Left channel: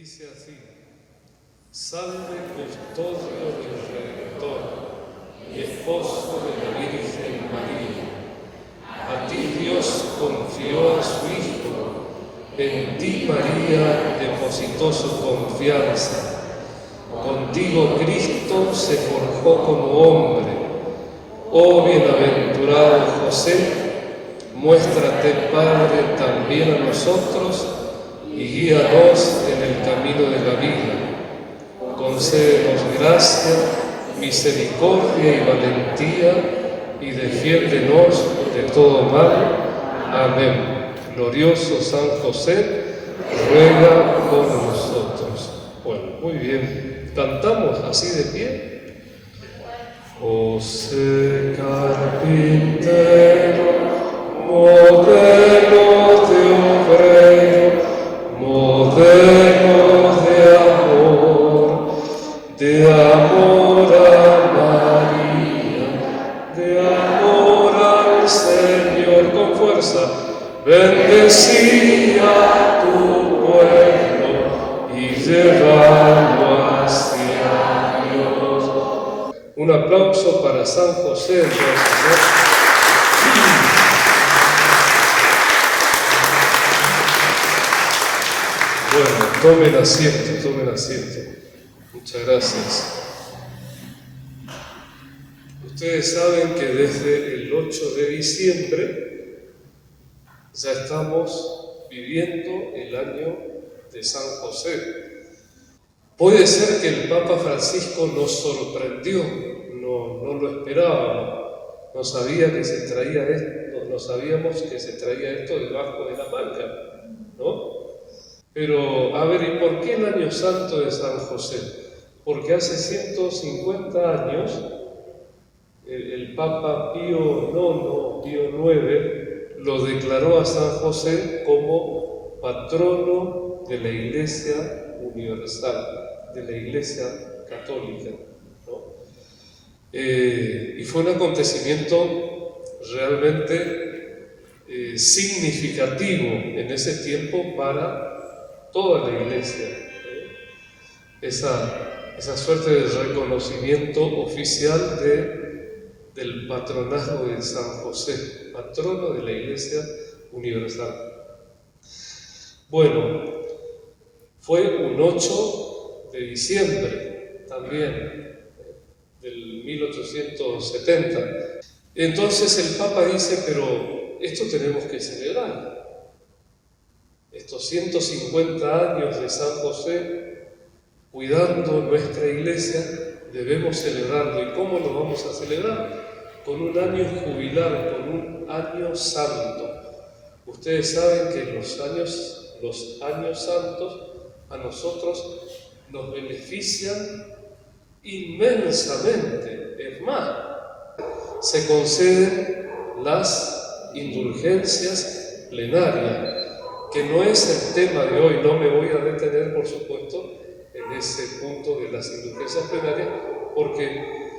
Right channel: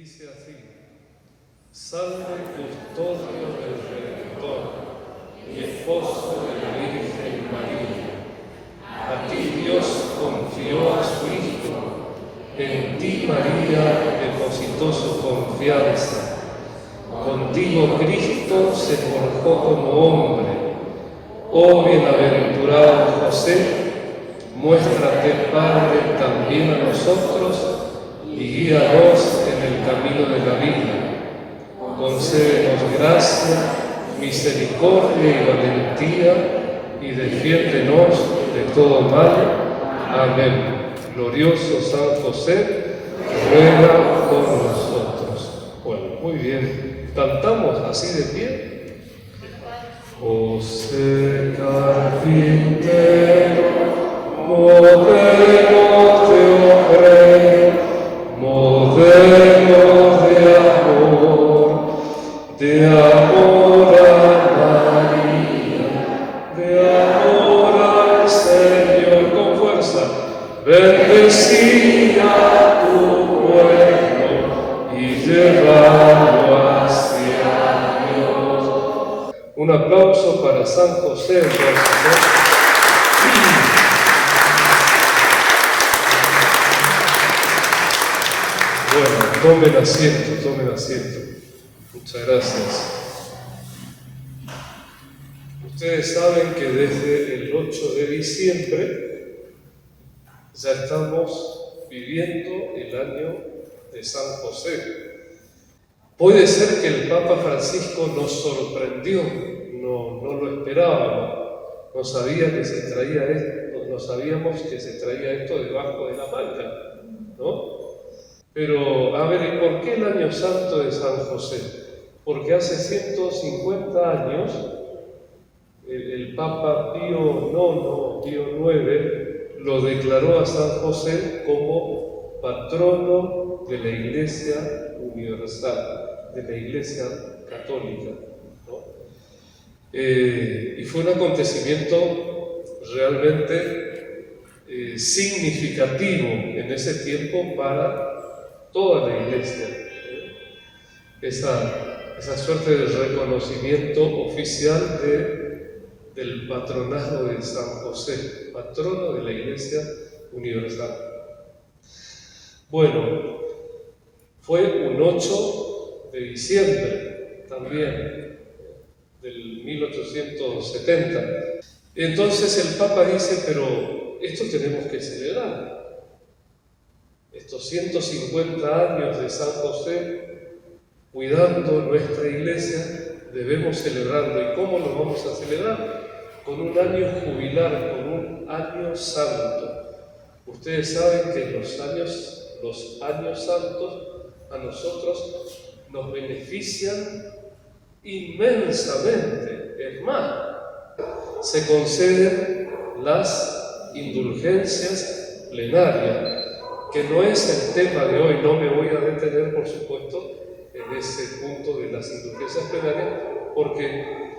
Dice así: Salve custodio del Redentor y esposo de la Virgen María. A ti Dios confió a su Hijo, en ti María depositó su confianza. Contigo Cristo se forjó como hombre. Oh bienaventurado José, muéstrate Padre también a nosotros y guíanos en el camino de la vida. Concédenos gracia, misericordia y valentía y defiéndenos de todo mal. Amén. Glorioso San José, ruega por nosotros. Bueno, muy bien. ¿Cantamos así de pie? José carpintero, modelo de obrero, modelo de amor a María, de amor al Señor, con fuerza, bendecía a tu pueblo y llevarlo hacia Dios. Un aplauso para San José, entonces, Bueno, tomen asiento, tomen asiento. Muchas gracias. Ustedes saben que desde el 8 de diciembre ya estamos viviendo el año de San José. Puede ser que el Papa Francisco nos sorprendió, no lo esperábamos, no sabíamos que se traía esto debajo de la manga, ¿no? Pero, a ver, ¿y por qué el año santo de San José? Porque hace 150 años el Papa Pío IX lo declaró a San José como patrono de la Iglesia Universal, de la Iglesia Católica, ¿no? Y fue un acontecimiento realmente significativo en ese tiempo para toda la Iglesia. Esa suerte de reconocimiento oficial del patronazgo de San José, patrono de la Iglesia Universal. Bueno, fue un 8 de diciembre también, del 1870. Entonces el Papa dice, pero esto tenemos que celebrar. Estos 150 años de San José, cuidando nuestra iglesia, debemos celebrarlo. ¿Y cómo lo vamos a celebrar? Con un año jubilar, con un año santo. Ustedes saben que los años santos a nosotros nos benefician inmensamente. Es más, se conceden las indulgencias plenarias, que no es el tema de hoy. No me voy a detener, por supuesto, en ese punto de las indulgencias plenarias, porque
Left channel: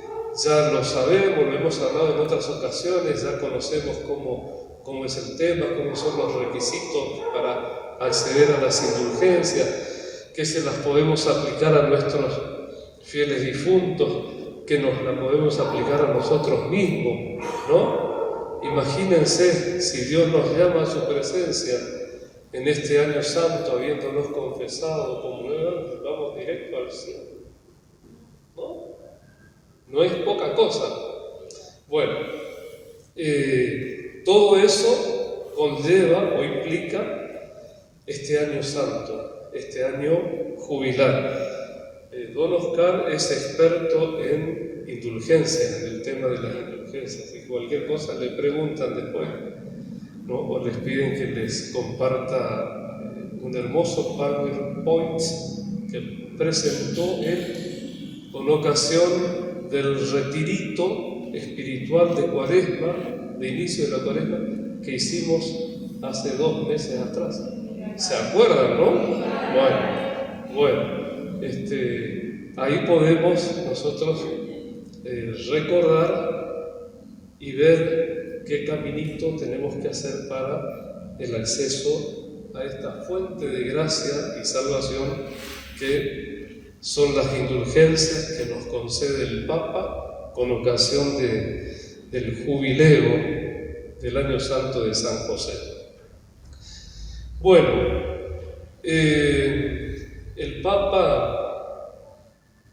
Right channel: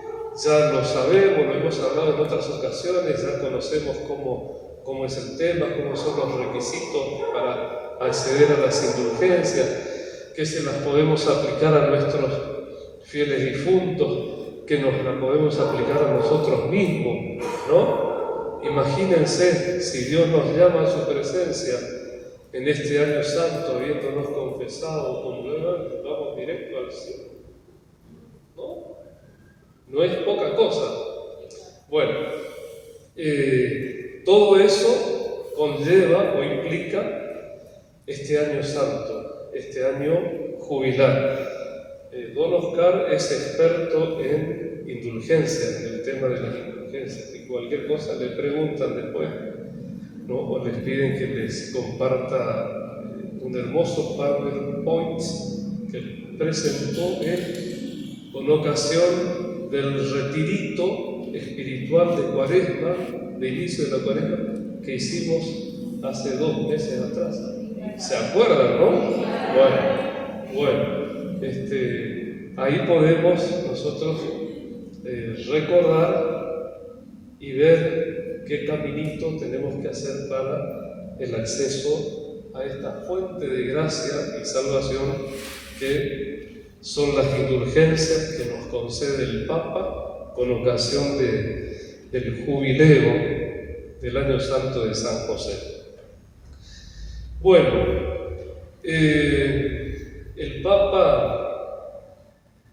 ya lo sabemos, lo hemos hablado en otras ocasiones, ya conocemos cómo es el tema, cómo son los requisitos para acceder a las indulgencias, que se las podemos aplicar a nuestros fieles difuntos, que nos las podemos aplicar a nosotros mismos, ¿no? Imagínense si Dios nos llama a su presencia en este año santo, habiéndonos confesado, comulgado, vamos directo al cielo, ¿no? No es poca cosa. Bueno, todo eso conlleva o implica este año santo, este año jubilar. Don Oscar es experto en indulgencias, en el tema de las indulgencias, y cualquier cosa le preguntan después, ¿no? O les piden que les comparta un hermoso PowerPoint que presentó él con ocasión del retirito espiritual de Cuaresma, de inicio de la Cuaresma, que hicimos hace 2 meses atrás. ¿Se acuerdan, no? Bueno, ahí podemos nosotros recordar y ver qué caminito tenemos que hacer para el acceso a esta fuente de gracia y salvación que son las indulgencias que nos concede el Papa con ocasión del jubileo del Año Santo de San José. Bueno, el Papa,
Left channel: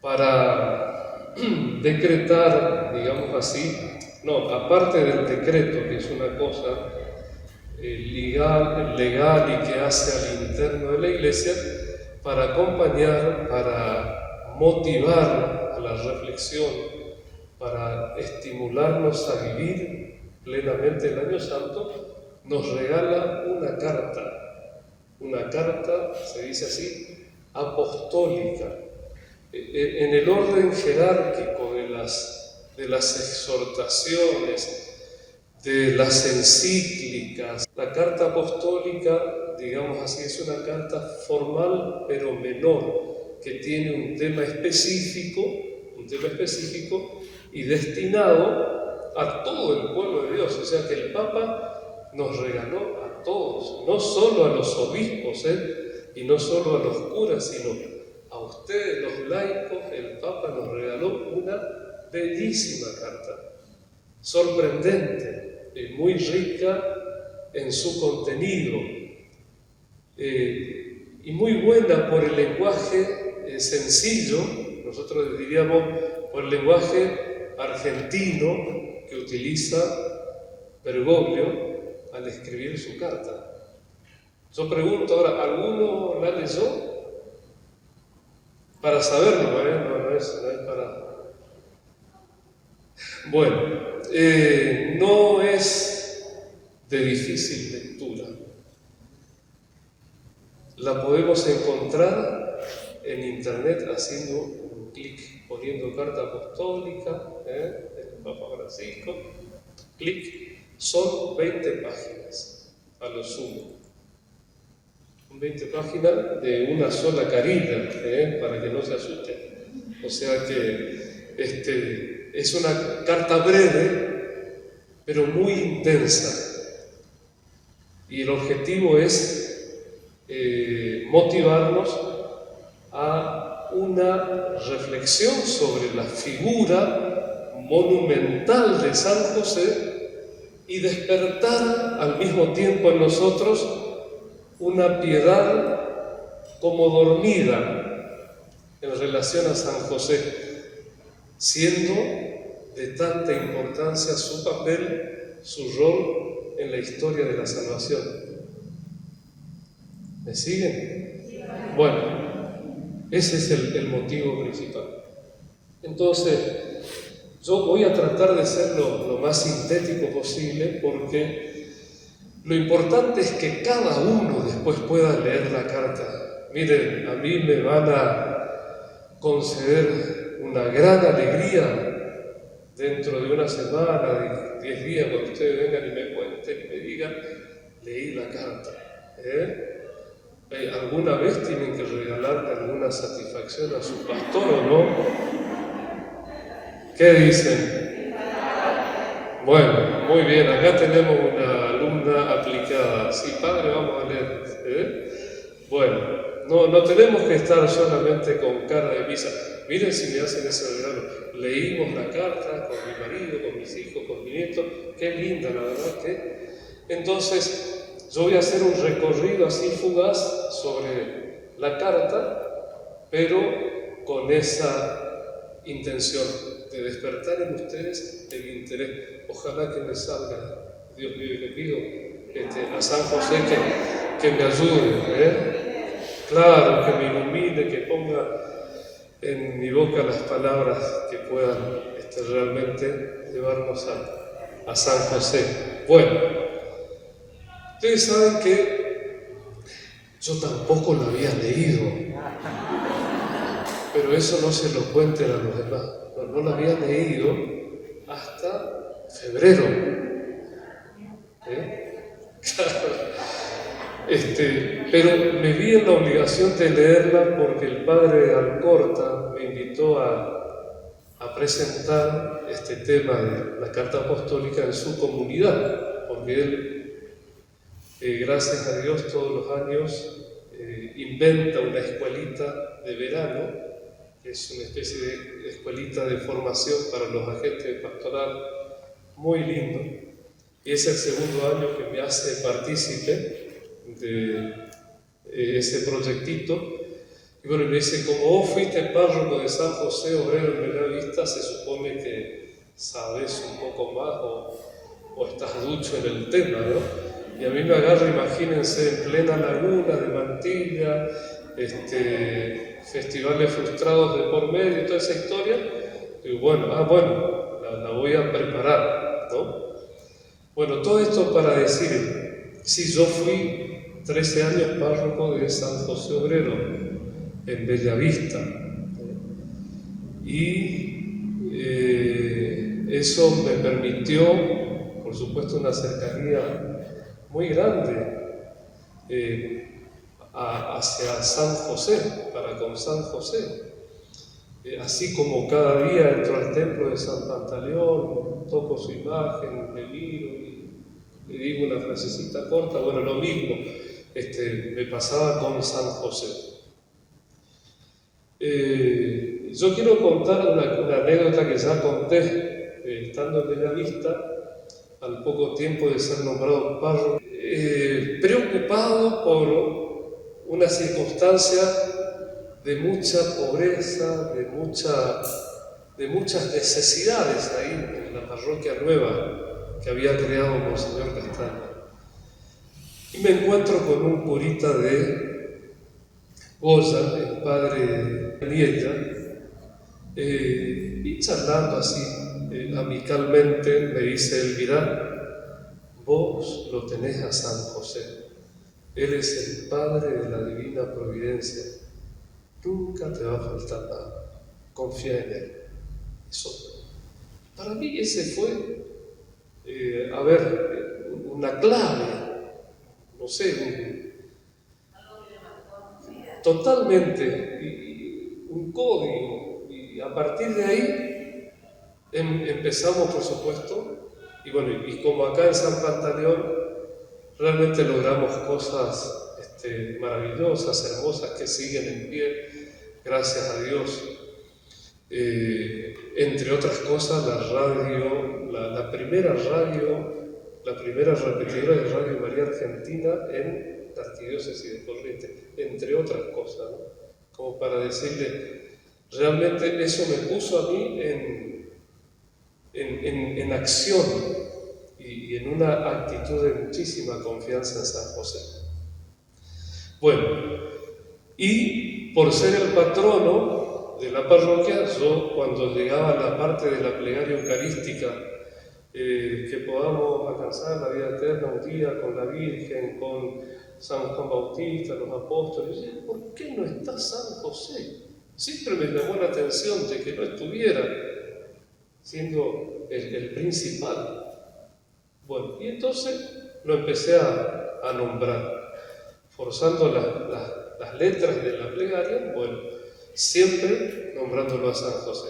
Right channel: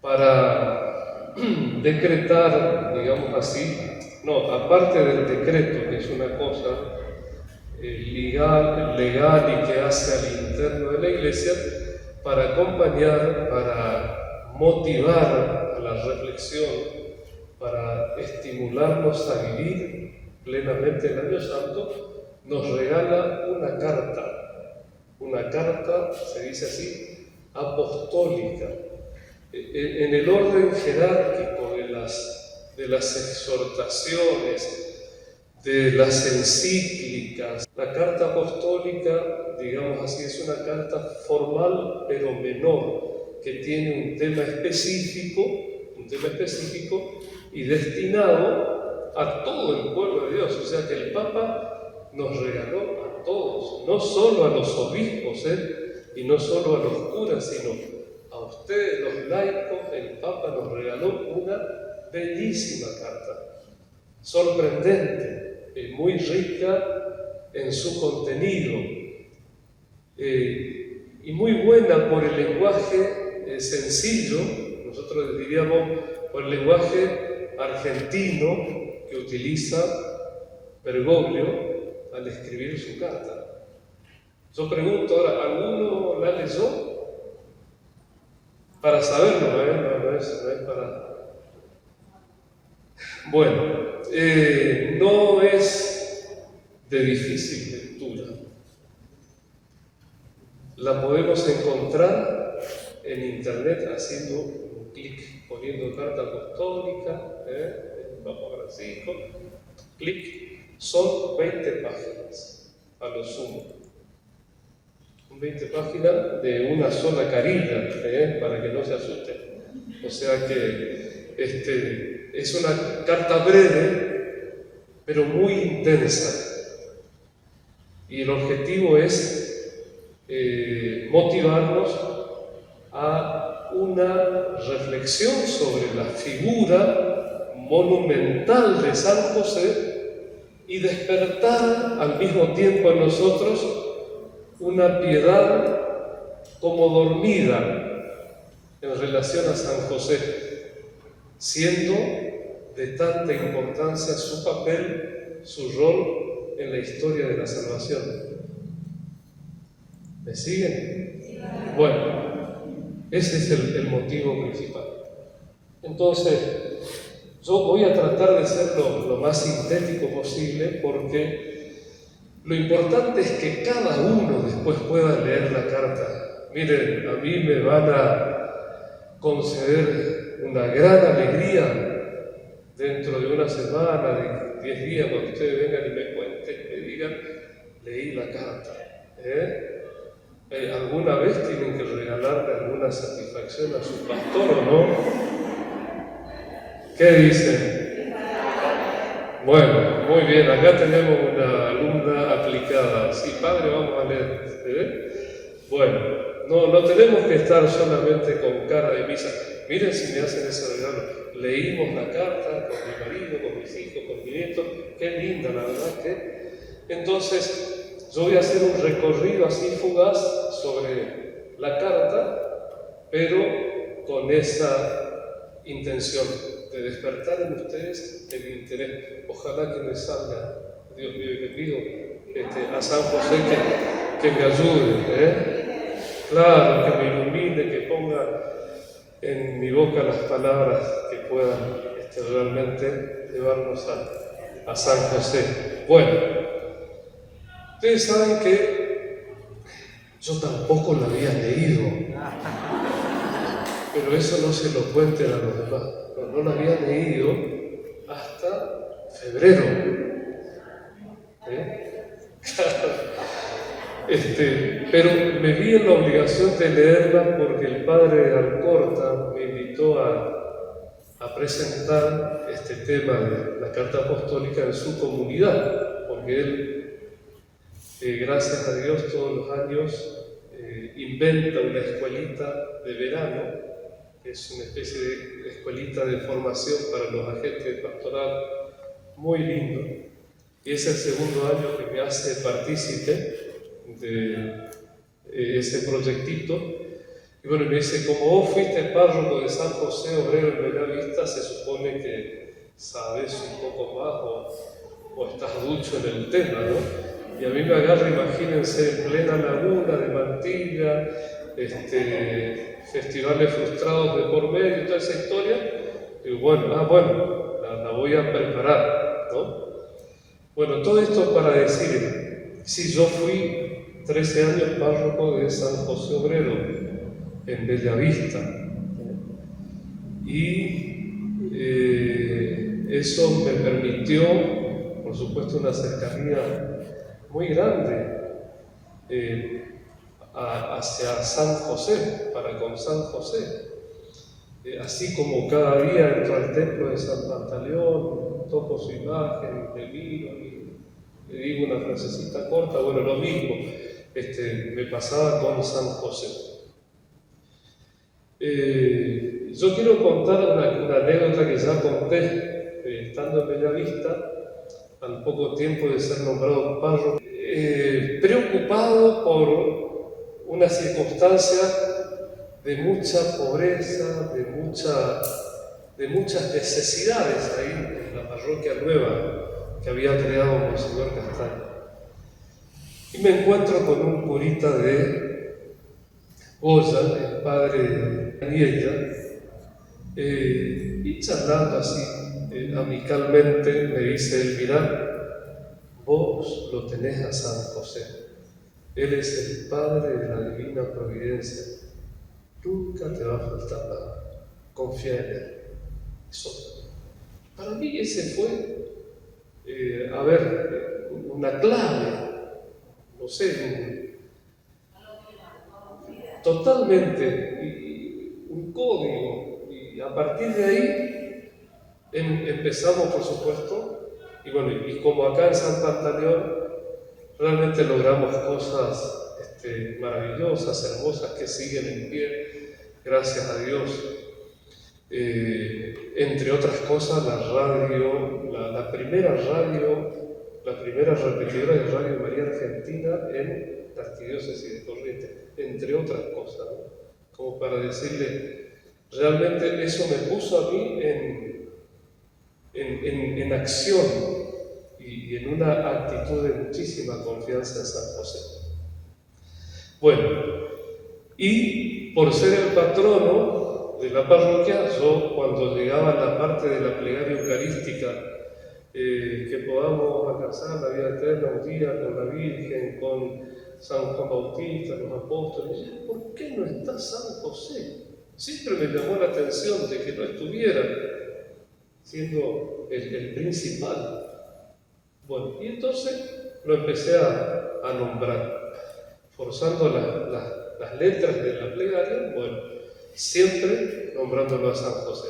para decretar, digamos así, aparte del decreto, que es una cosa legal y que hace al interno de la Iglesia, para acompañar, para motivar a la reflexión, para estimularnos a vivir plenamente el Año Santo, nos regala una carta, se dice así, apostólica, en el orden jerárquico de las exhortaciones, de las encíclicas. La carta apostólica, digamos así, es una carta formal pero menor, que tiene un tema específico y destinado a todo el pueblo de Dios. O sea que el Papa nos regaló a todos, no solo a los obispos, y no solo a los curas, sino a ustedes, los laicos. El Papa nos regaló una bellísima carta, sorprendente, muy rica en su contenido, y muy buena por el lenguaje sencillo, nosotros diríamos por el lenguaje argentino que utiliza Bergoglio al escribir su carta. Yo pregunto ahora, ¿alguno la leyó? Para saberlo, no es para... Bueno, no es de difícil lectura. La podemos encontrar en internet haciendo un clic, poniendo carta apostólica, el Papa Francisco, clic, son 20 páginas, a lo sumo. 20 páginas de una sola carilla, para que no se asusten. O sea que es una carta breve, pero muy intensa. Y el objetivo es motivarnos a una reflexión sobre la figura monumental de San José y despertar al mismo tiempo en nosotros una piedad como dormida en relación a San José, siendo de tanta importancia su papel, su rol en la historia de la salvación. ¿Me siguen? Bueno, ese es el motivo principal. Entonces, yo voy a tratar de ser lo más sintético posible, porque lo importante es que cada uno después pueda leer la carta. Miren, a mí me van a conceder una gran alegría dentro de una semana, de 10 días, cuando ustedes vengan y me cuenten y me digan, leí la carta. ¿Alguna vez tienen que regalarle alguna satisfacción a su pastor o no? ¿Qué dicen? Bueno, muy bien, acá tenemos una alumna aplicada. Sí, padre, vamos a leer. Bueno, no tenemos que estar solamente con cara de misa. Miren si me hacen ese regalo. Leímos la carta con mi marido, con mis hijos, con mi nieto. Qué linda, la verdad que. Entonces, yo voy a hacer un recorrido así fugaz sobre la carta, pero con esa intención de despertar en ustedes el interés. Ojalá que me salga, Dios mío, y le pido a San José que me ayude, claro, que me ilumine, que ponga en mi boca las palabras que puedan realmente llevarnos a San José. Bueno, ustedes saben que yo tampoco lo había leído, pero eso no se lo cuenten a los demás. No lo había leído hasta febrero. Pero me vi en la obligación de leerla porque el padre Alcorta me invitó a presentar este tema de la carta apostólica en su comunidad, porque él gracias a Dios, todos los años inventa una escuelita de verano, que es una especie de escuelita de formación para los agentes pastorales, muy lindo. Y es el segundo año que me hace partícipe de ese proyectito. Y bueno, me dice, como vos fuiste párroco de San José Obrero en Bellavista, se supone que sabes un poco más o estás ducho en el tema, ¿no? Y a mí me agarra, imagínense, en plena laguna de Mantilla, festivales frustrados de por medio y toda esa historia. Digo, bueno, la voy a preparar, ¿no? Bueno, todo esto para decir, sí, yo fui 13 años párroco de San José Obrero en Bellavista. Y eso me permitió, por supuesto, una cercanía muy grande hacia San José, para con San José. Así como cada día entro al templo de San Pantaleón, toco su imagen, le miro y le digo una frasecita corta, bueno, lo mismo me pasaba con San José. Yo quiero contar una anécdota que ya conté estando en Bellavista, al poco tiempo de ser nombrado párroco, preocupado por una circunstancia de mucha pobreza, de muchas necesidades ahí en la parroquia nueva que había creado Monseñor Castaño. Y me encuentro con un curita de Goya, el padre de Nieta, y charlando así amicalmente me dice él, mirá, vos lo tenés a San José, él es el Padre de la Divina Providencia, nunca te va a faltar nada, confía en él. Eso, para mí ese fue, una clave, no sé, totalmente, un código, y a partir de ahí empezamos, por supuesto, y bueno, y como acá en San Pantaleón realmente logramos cosas maravillosas, hermosas, que siguen en pie, gracias a Dios. Entre otras cosas, la radio, la primera repetidora de Radio María Argentina en la Arquidiócesis de Corrientes, entre otras cosas, ¿no? Como para decirle, realmente eso me puso a mí en acción y en una actitud de muchísima confianza en San José. Bueno, y por ser el patrono de la parroquia, yo cuando llegaba a la parte de la plegaria eucarística, que podamos alcanzar la vida eterna un día con la Virgen, con San Juan Bautista, los apóstoles, ¿por qué no está San José? Siempre me llamó la atención de que no estuviera, siendo el principal. Bueno, y entonces lo empecé a nombrar, forzando las letras de la plegaria, bueno, siempre nombrándolo a San José.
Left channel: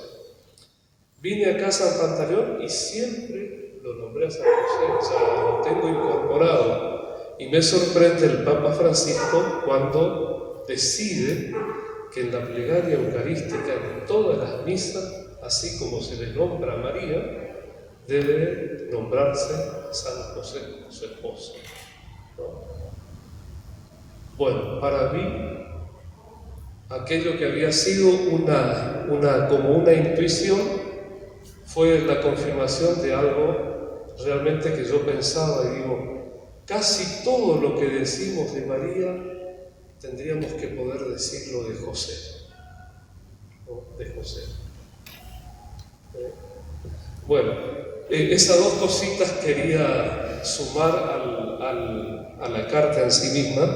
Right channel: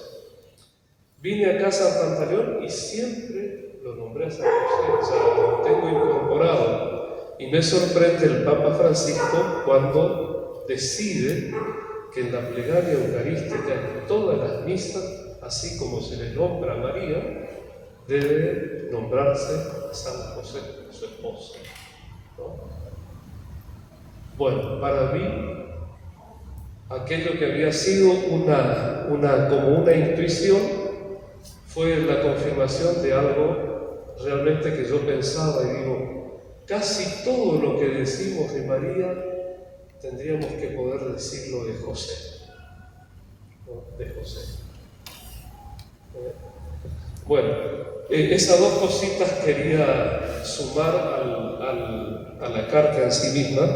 Vine acá a San Pantaleón y siempre lo nombré a San José, ya lo tengo incorporado. Y me sorprende el Papa Francisco cuando decide que en la plegaria eucarística, en todas las misas, así como se le nombra a María, debe nombrarse San José, su esposo, ¿no? Bueno, para mí, aquello que había sido como una intuición fue la confirmación de algo realmente que yo pensaba y digo, casi todo lo que decimos de María tendríamos que poder decirlo de José, ¿no? De José. Bueno, esas dos cositas quería sumar a la carta en sí misma,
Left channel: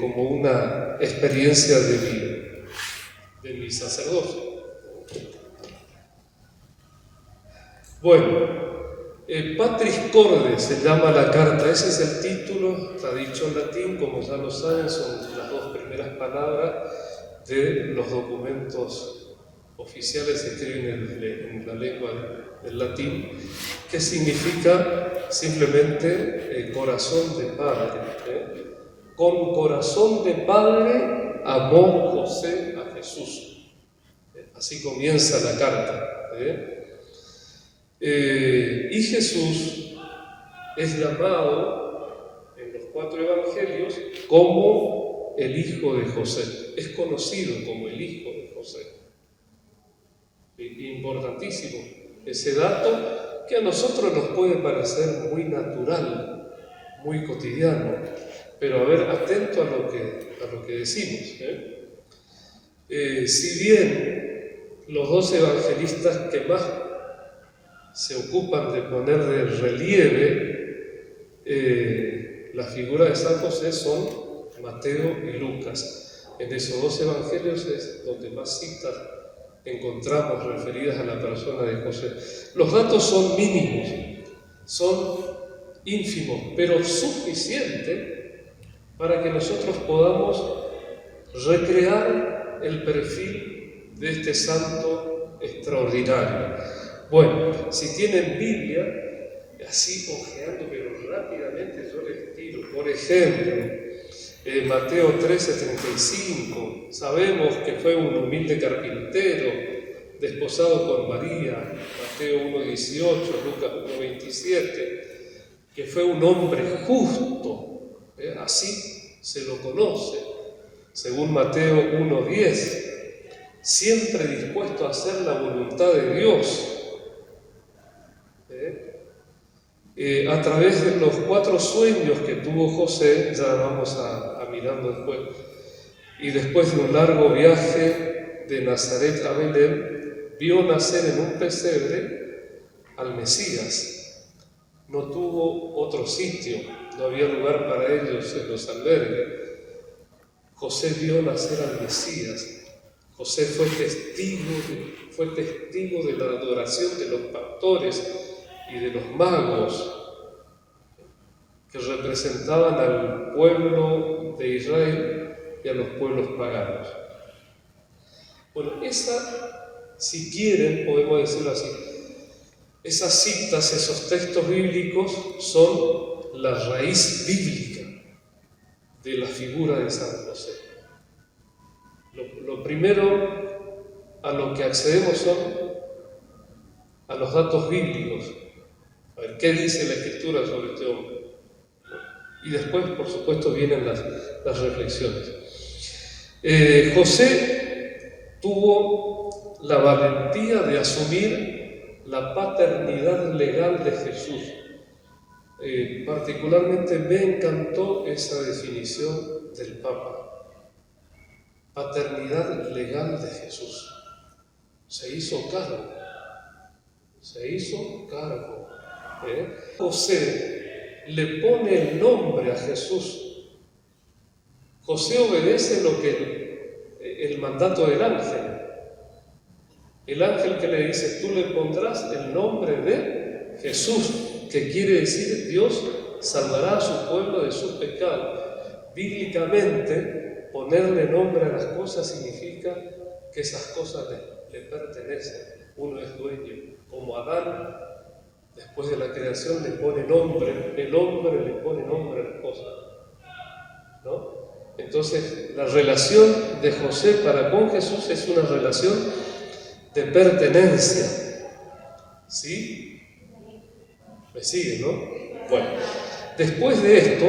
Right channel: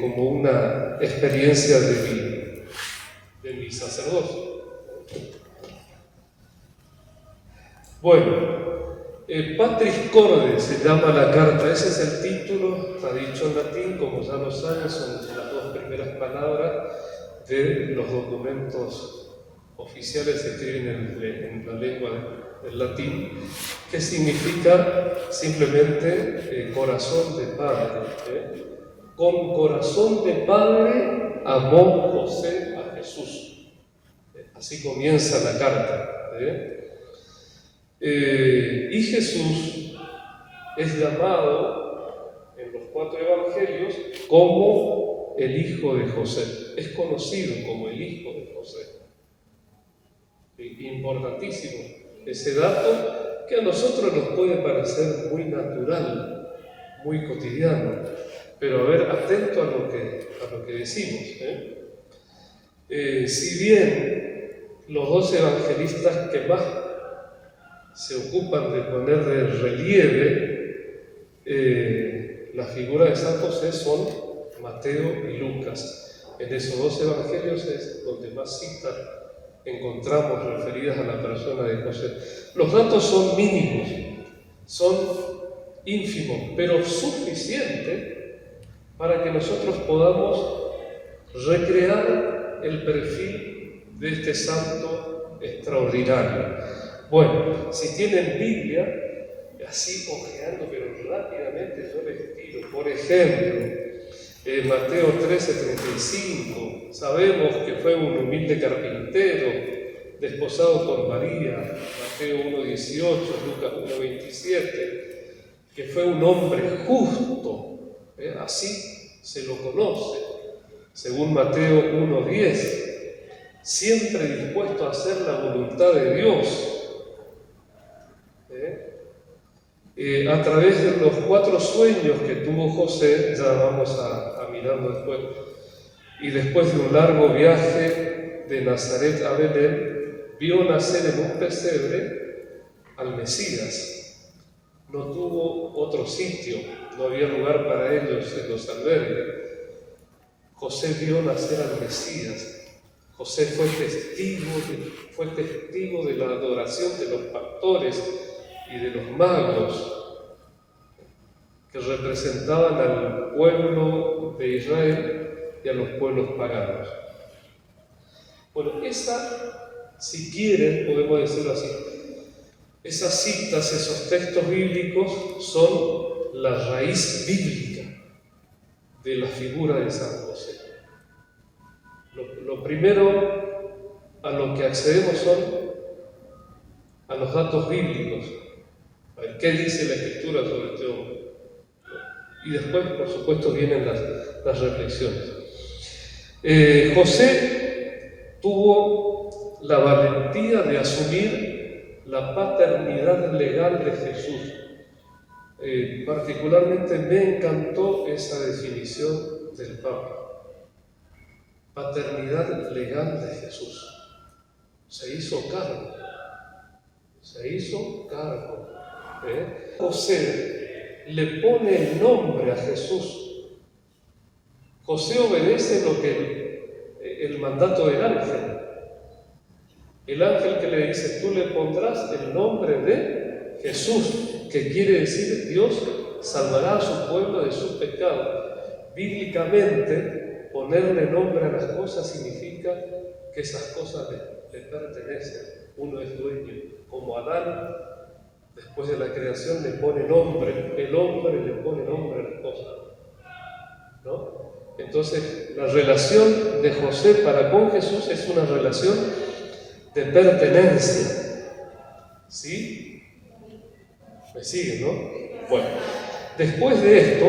como una experiencia de mi sacerdocio. Bueno, Patris Corde se llama la carta, ese es el título, está dicho en latín, como ya lo saben, son las dos primeras palabras de los documentos oficiales escriben en la lengua del latín, que significa simplemente corazón de padre. Con corazón de padre amó José a Jesús. Así comienza la carta. Y Jesús es llamado en los 4 evangelios como el hijo de José. Es conocido como el hijo de José. Importantísimo ese dato, que a nosotros nos puede parecer muy natural, muy cotidiano, pero a ver, atento a lo que decimos. Si bien los 2 evangelistas que más se ocupan de poner de relieve la figura de San José son Mateo y Lucas. En esos 2 evangelios es donde más citas encontramos referidas a la persona de José. Los datos son mínimos, son ínfimos, pero suficientes para que nosotros podamos recrear el perfil de este santo extraordinario. Bueno, si tienen Biblia, así ojeando, pero rápidamente yo les tiro. Por ejemplo, Mateo 13:35, sabemos que fue un humilde carpintero, desposado con María. Mateo 1:18, Lucas 1:27, que fue un hombre justo, así se lo conoce, según Mateo 1:10, siempre dispuesto a hacer la voluntad de Dios. A través de los 4 sueños que tuvo José, ya vamos a mirar después, y después de un largo viaje de Nazaret a Belén, vio nacer en un pesebre al Mesías. No tuvo otro sitio, no había lugar para ellos en los albergues. José vio nacer al Mesías. José fue testigo de la adoración de los pastores y de los magos que representaban al pueblo de Israel y a los pueblos paganos. Bueno, esa, si quieren, podemos decirlo así, esas citas, esos textos bíblicos son la raíz bíblica de la figura de San José. Lo primero a lo que accedemos son a los datos bíblicos. A ver, ¿qué dice la Escritura sobre este hombre? Y después, por supuesto, vienen las reflexiones. José tuvo la valentía de asumir la paternidad legal de Jesús. Particularmente me encantó esa definición del Papa. Paternidad legal de Jesús. Se hizo cargo. José le pone el nombre a Jesús. José obedece el mandato del ángel. El ángel que le dice, tú le pondrás el nombre de Jesús, que quiere decir Dios salvará a su pueblo de sus pecados. Bíblicamente, ponerle nombre a las cosas significa que esas cosas le pertenecen. Uno es dueño. Como Adán, después de la creación, le pone nombre. El hombre le pone nombre a las cosas, ¿no? Entonces, la relación de José para con Jesús es una relación de pertenencia. ¿Sí? ¿Me sigue, no? Bueno, después de esto,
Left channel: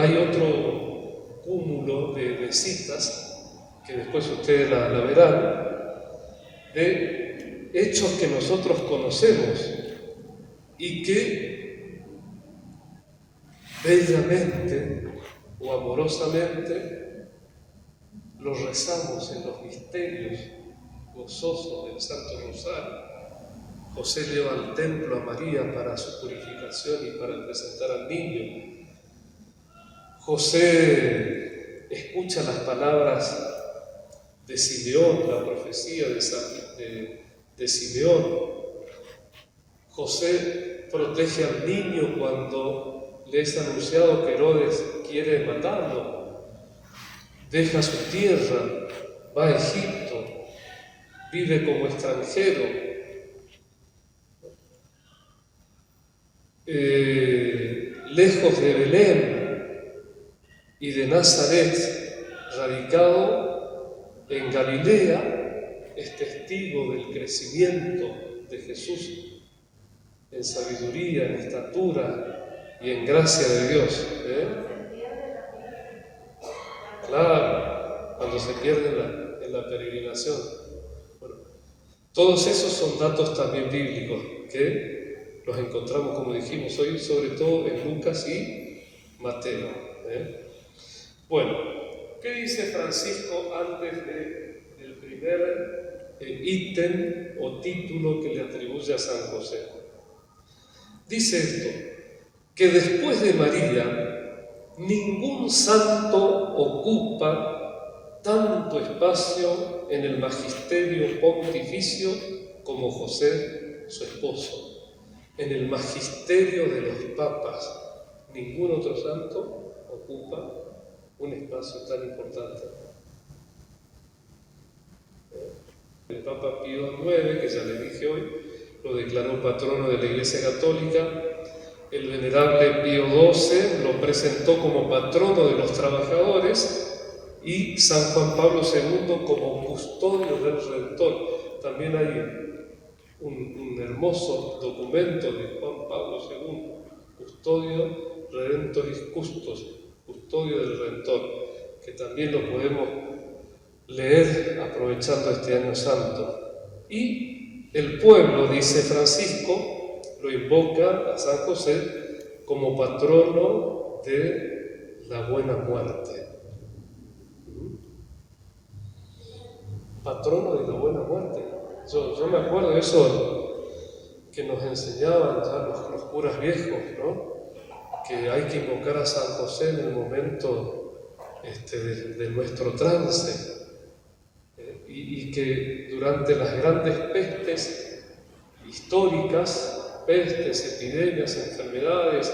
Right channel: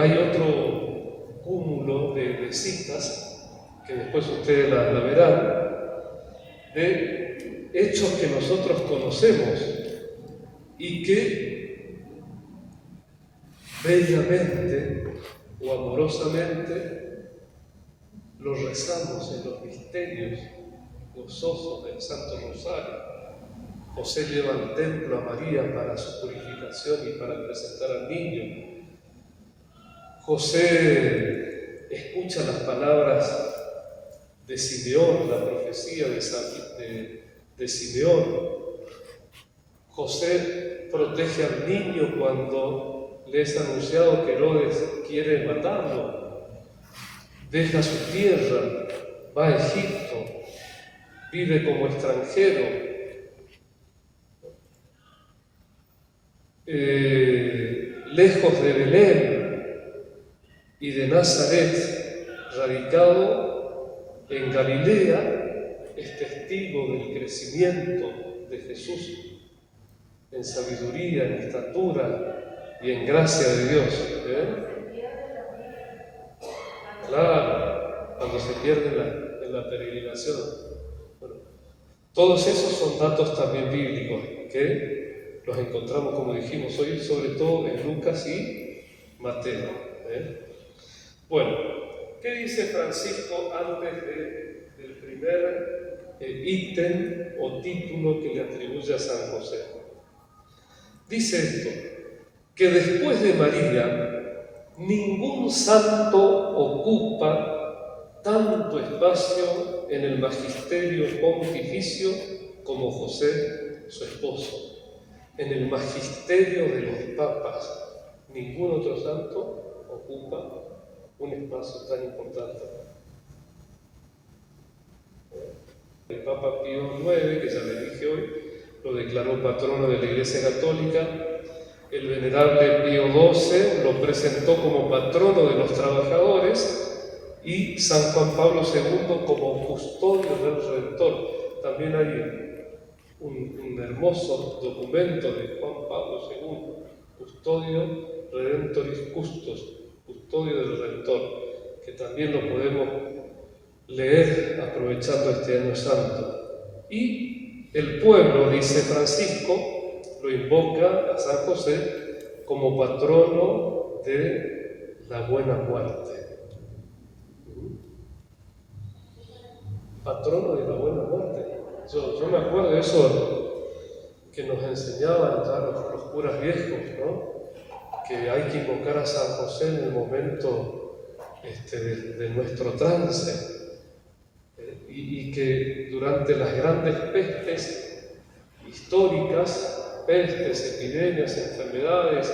hay otro cúmulo de citas, que después ustedes la verán, de hechos que nosotros conocemos y que bellamente o amorosamente los rezamos en los misterios gozosos del Santo Rosario. José lleva al templo a María para su purificación y para presentar al niño. José escucha las palabras de Simeón, la profecía de Simeón. José protege al niño cuando le es anunciado que Herodes quiere matarlo. Deja su tierra, va a Egipto, vive como extranjero, lejos de Belén y de Nazaret, radicado en Galilea, es testigo del crecimiento de Jesús en sabiduría, en estatura y en gracia de Dios. Claro, cuando se pierde en la peregrinación. Bueno, todos esos son datos también bíblicos que los encontramos, como dijimos hoy, sobre todo en Lucas y Mateo. Bueno, ¿qué dice Francisco antes del primer ítem o título que le atribuye a San José? Dice esto, que después de María, ningún santo ocupa tanto espacio en el magisterio pontificio como José, su esposo. En el magisterio de los papas, ningún otro santo ocupa un espacio tan importante. El Papa Pío IX, que ya le dije hoy, lo declaró patrono de la Iglesia Católica. El venerable Pío XII lo presentó como patrono de los trabajadores y San Juan Pablo II como custodio del Redentor. También hay un hermoso documento de Juan Pablo II, Custodio Redentoris Custos, custodio del Redentor, que también lo podemos leer aprovechando este año santo. Y el pueblo, dice Francisco, lo invoca a San José como patrono de la buena muerte. Patrono de la buena muerte. Yo me acuerdo de eso que nos enseñaban ya los curas viejos, ¿no? Que hay que invocar a San José en el momento de nuestro trance. Y que durante las grandes pestes históricas, pestes, epidemias, enfermedades,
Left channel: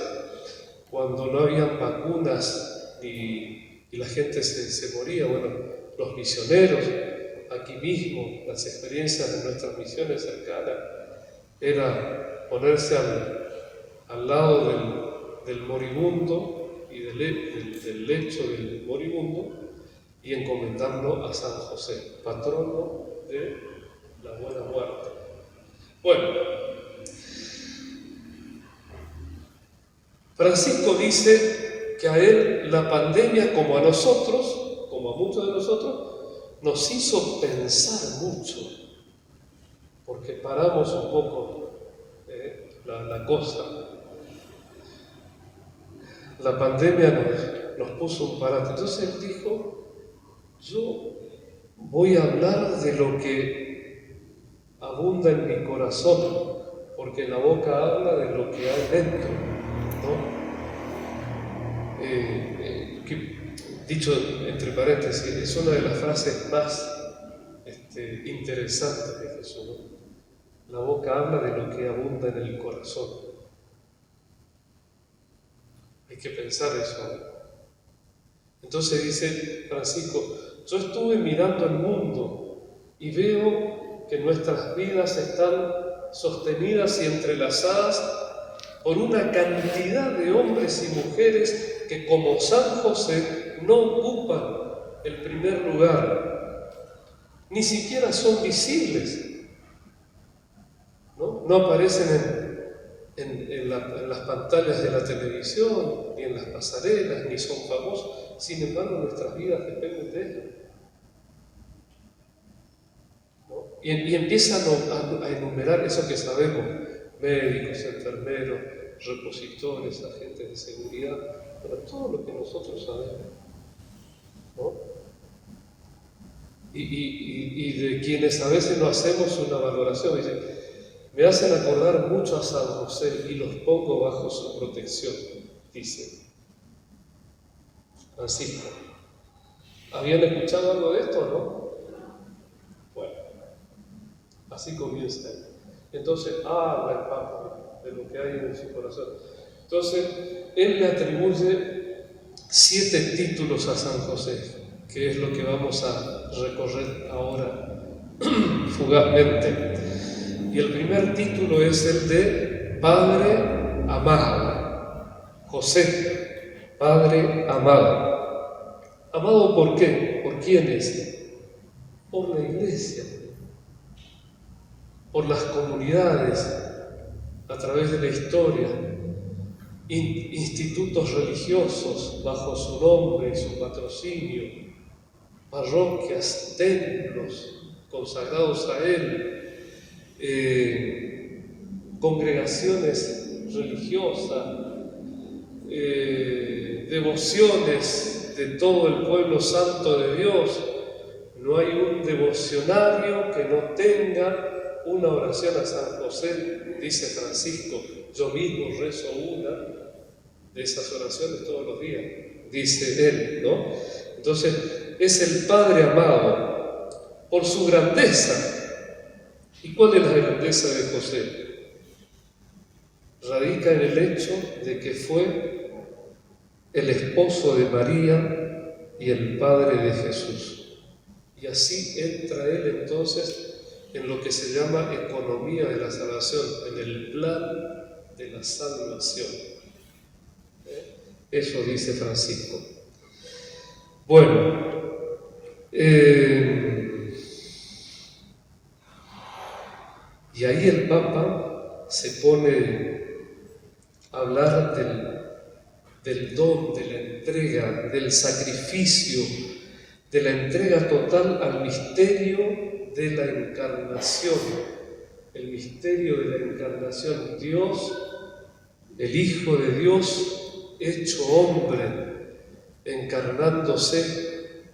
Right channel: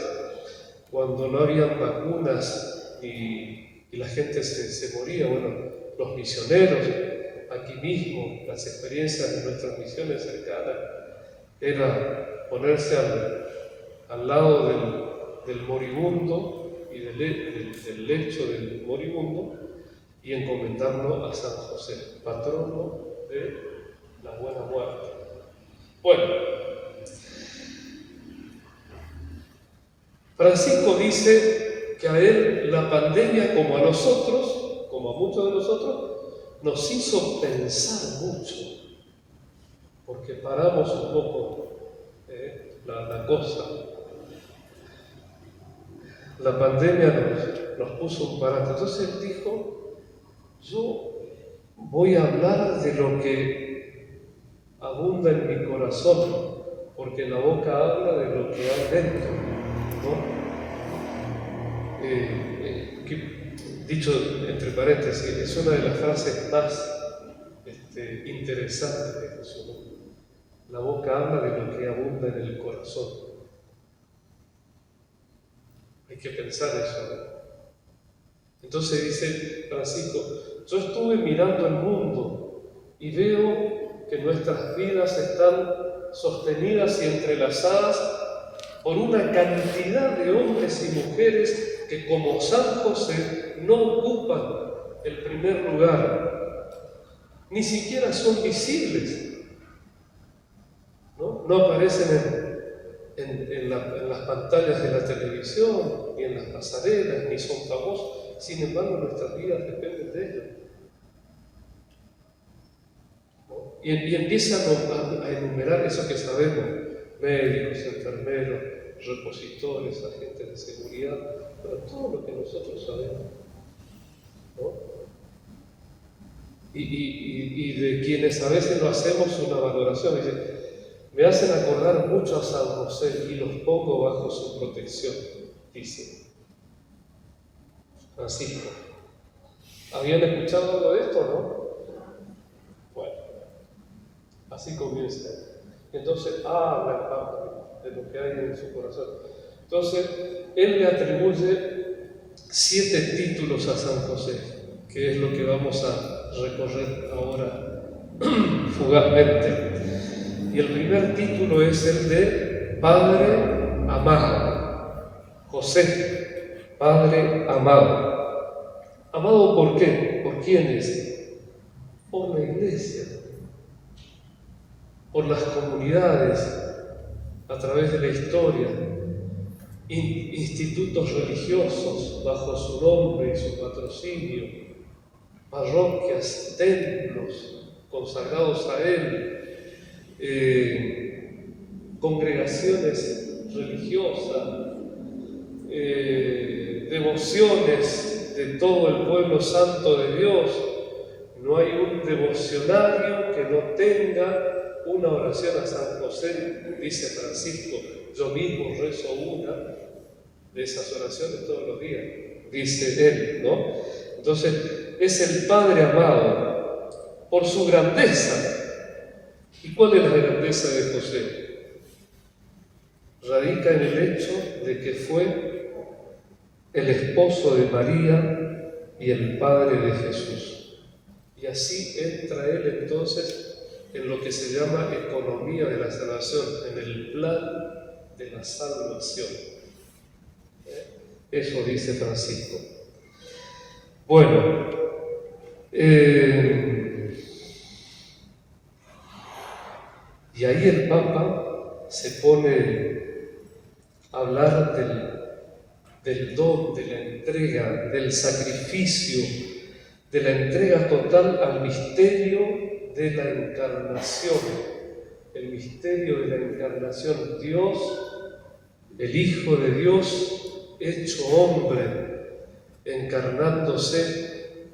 cuando no habían vacunas y la gente se moría, bueno, los misioneros, aquí mismo, las experiencias de nuestras misiones cercanas, era ponerse al lado del moribundo y del lecho del moribundo y encomendarlo a San José, patrono de la buena muerte. Bueno, Francisco dice que a él la pandemia, como a nosotros, como a muchos de nosotros, nos hizo pensar mucho, porque paramos un poco la cosa. La pandemia nos puso un parate. Entonces él dijo, yo voy a hablar de lo que abunda en mi corazón, porque la boca habla de lo que hay dentro, ¿no? Dicho entre paréntesis, es una de las frases más interesantes de Jesús, ¿no? La boca habla de lo que abunda en el corazón. Hay que pensar eso, ¿no? Entonces dice Francisco, yo estuve mirando el mundo y veo que nuestras vidas están sostenidas y entrelazadas por una cantidad de hombres y mujeres que, como San José, no ocupan el primer lugar, ni siquiera son visibles, no aparecen en las pantallas de la televisión, ni en las pasarelas, ni son famosos. Sin embargo, nuestras vidas dependen de ellos. ¿No? Y empiezan a enumerar eso que sabemos: médicos, enfermeros, repositores, agentes de seguridad, pero todo lo que nosotros sabemos, ¿no? Y de quienes a veces no hacemos una valoración, dicen, me hacen acordar mucho a San José y los pongo bajo su protección, dice Francisco. ¿Habían escuchado algo de esto, no? Bueno, así comienza. Entonces habla el Papa de lo que hay en su corazón. Entonces, él le atribuye 7 títulos a San José, que es lo que vamos a recorrer ahora fugazmente. Y el primer título es el de Padre amado. José, Padre amado. ¿Amado por qué? ¿Por quiénes? Por la iglesia, por las comunidades, a través de la historia, institutos religiosos bajo su nombre y su patrocinio, parroquias, templos consagrados a él, congregaciones religiosas, devociones de todo el pueblo santo de Dios. No hay un devocionario que no tenga una oración a San José, dice Francisco. Yo mismo rezo una de esas oraciones todos los días, dice él, ¿no? Entonces, es el Padre amado por su grandeza. ¿Y cuál es la grandeza de José? Radica en el hecho de que fue el esposo de María y el padre de Jesús. Y así entra él entonces en lo que se llama economía de la salvación, en el plan de la salvación. Eso dice Francisco. Bueno, y ahí el Papa se pone a hablar del don, de la entrega, del sacrificio, de la entrega total al misterio de la encarnación. El misterio de la encarnación. Dios, el Hijo de Dios, hecho hombre, encarnándose,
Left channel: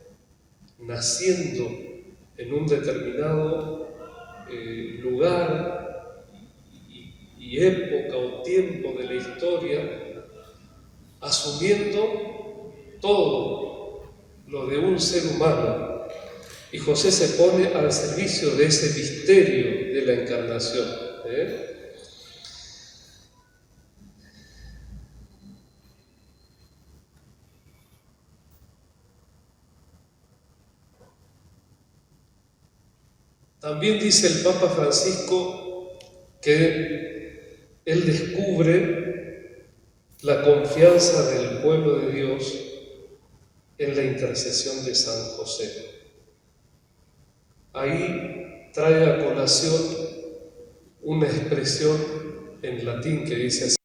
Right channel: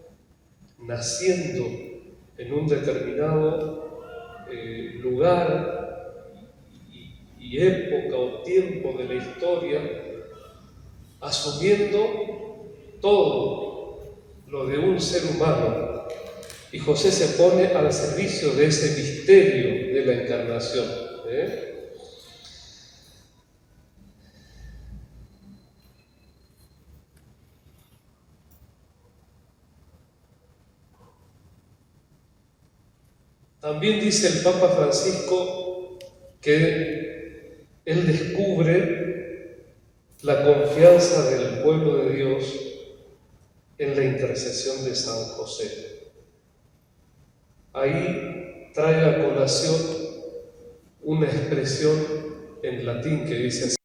naciendo en un determinado lugar y época o tiempo de la historia, asumiendo todo lo de un ser humano. Y José se pone al servicio de ese misterio de la encarnación. También dice el Papa Francisco que él descubre la confianza del pueblo de Dios en la intercesión de San José. Ahí trae a colación una expresión en latín que dice así:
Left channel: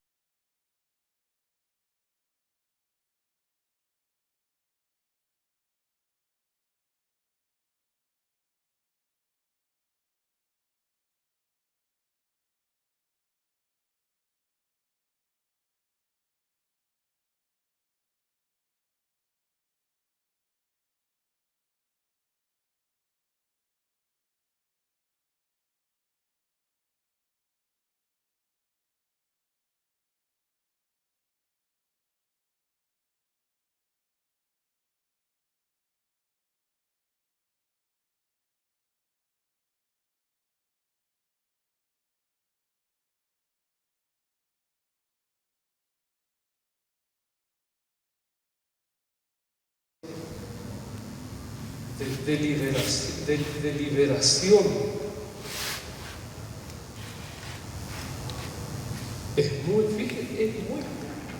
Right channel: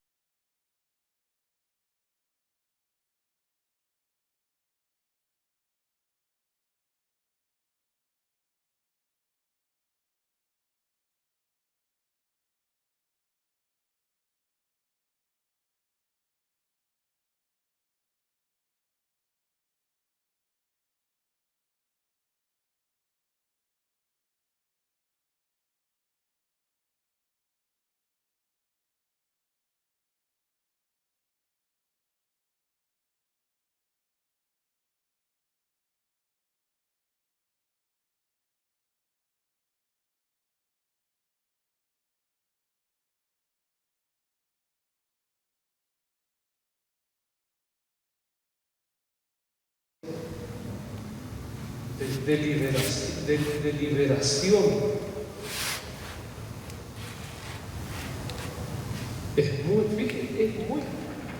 de liberación. Es muy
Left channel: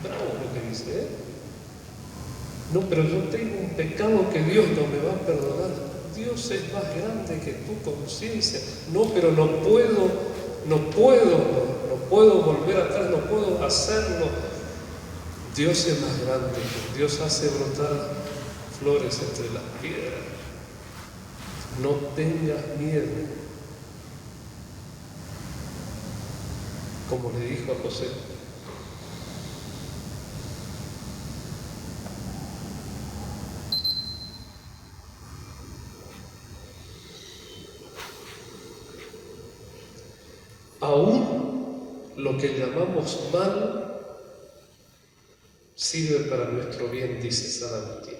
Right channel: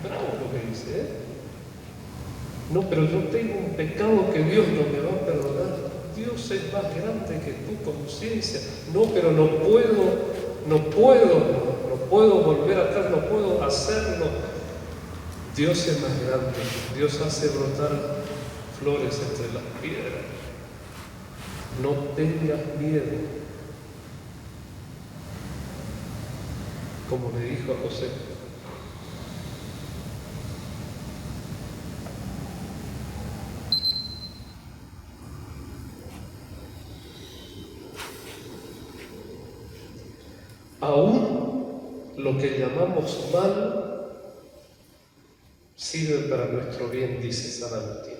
bravo lo que dice, No, pero yo tengo un pecado que Dios no me va a perdonar. Dios es más grande que tu conciencia. No, pero no puedo volver atrás, no puedo hacerlo. Dios es más grande. Dios hace brotar flores entre las piedras. No tengas miedo. Como le dijo a José. Aún lo que llamamos mal sirve para nuestro bien, dice San Agustín.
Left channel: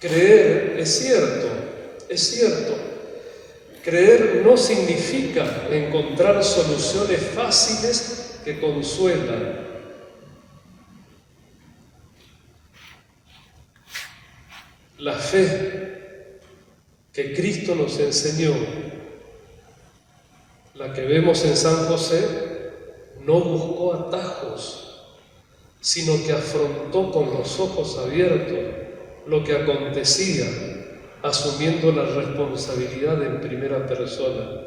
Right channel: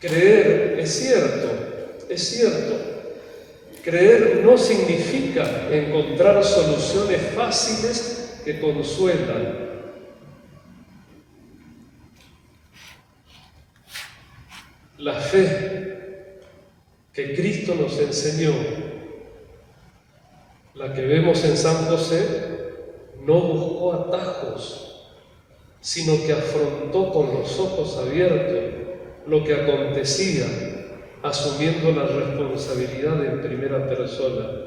Creer es cierto. Creer no significa encontrar soluciones fáciles que consuelan. La fe que Cristo nos enseñó, la que vemos en San José, no buscó atajos, sino que afrontó con los ojos abiertos lo que acontecía, asumiendo la responsabilidad en primera persona.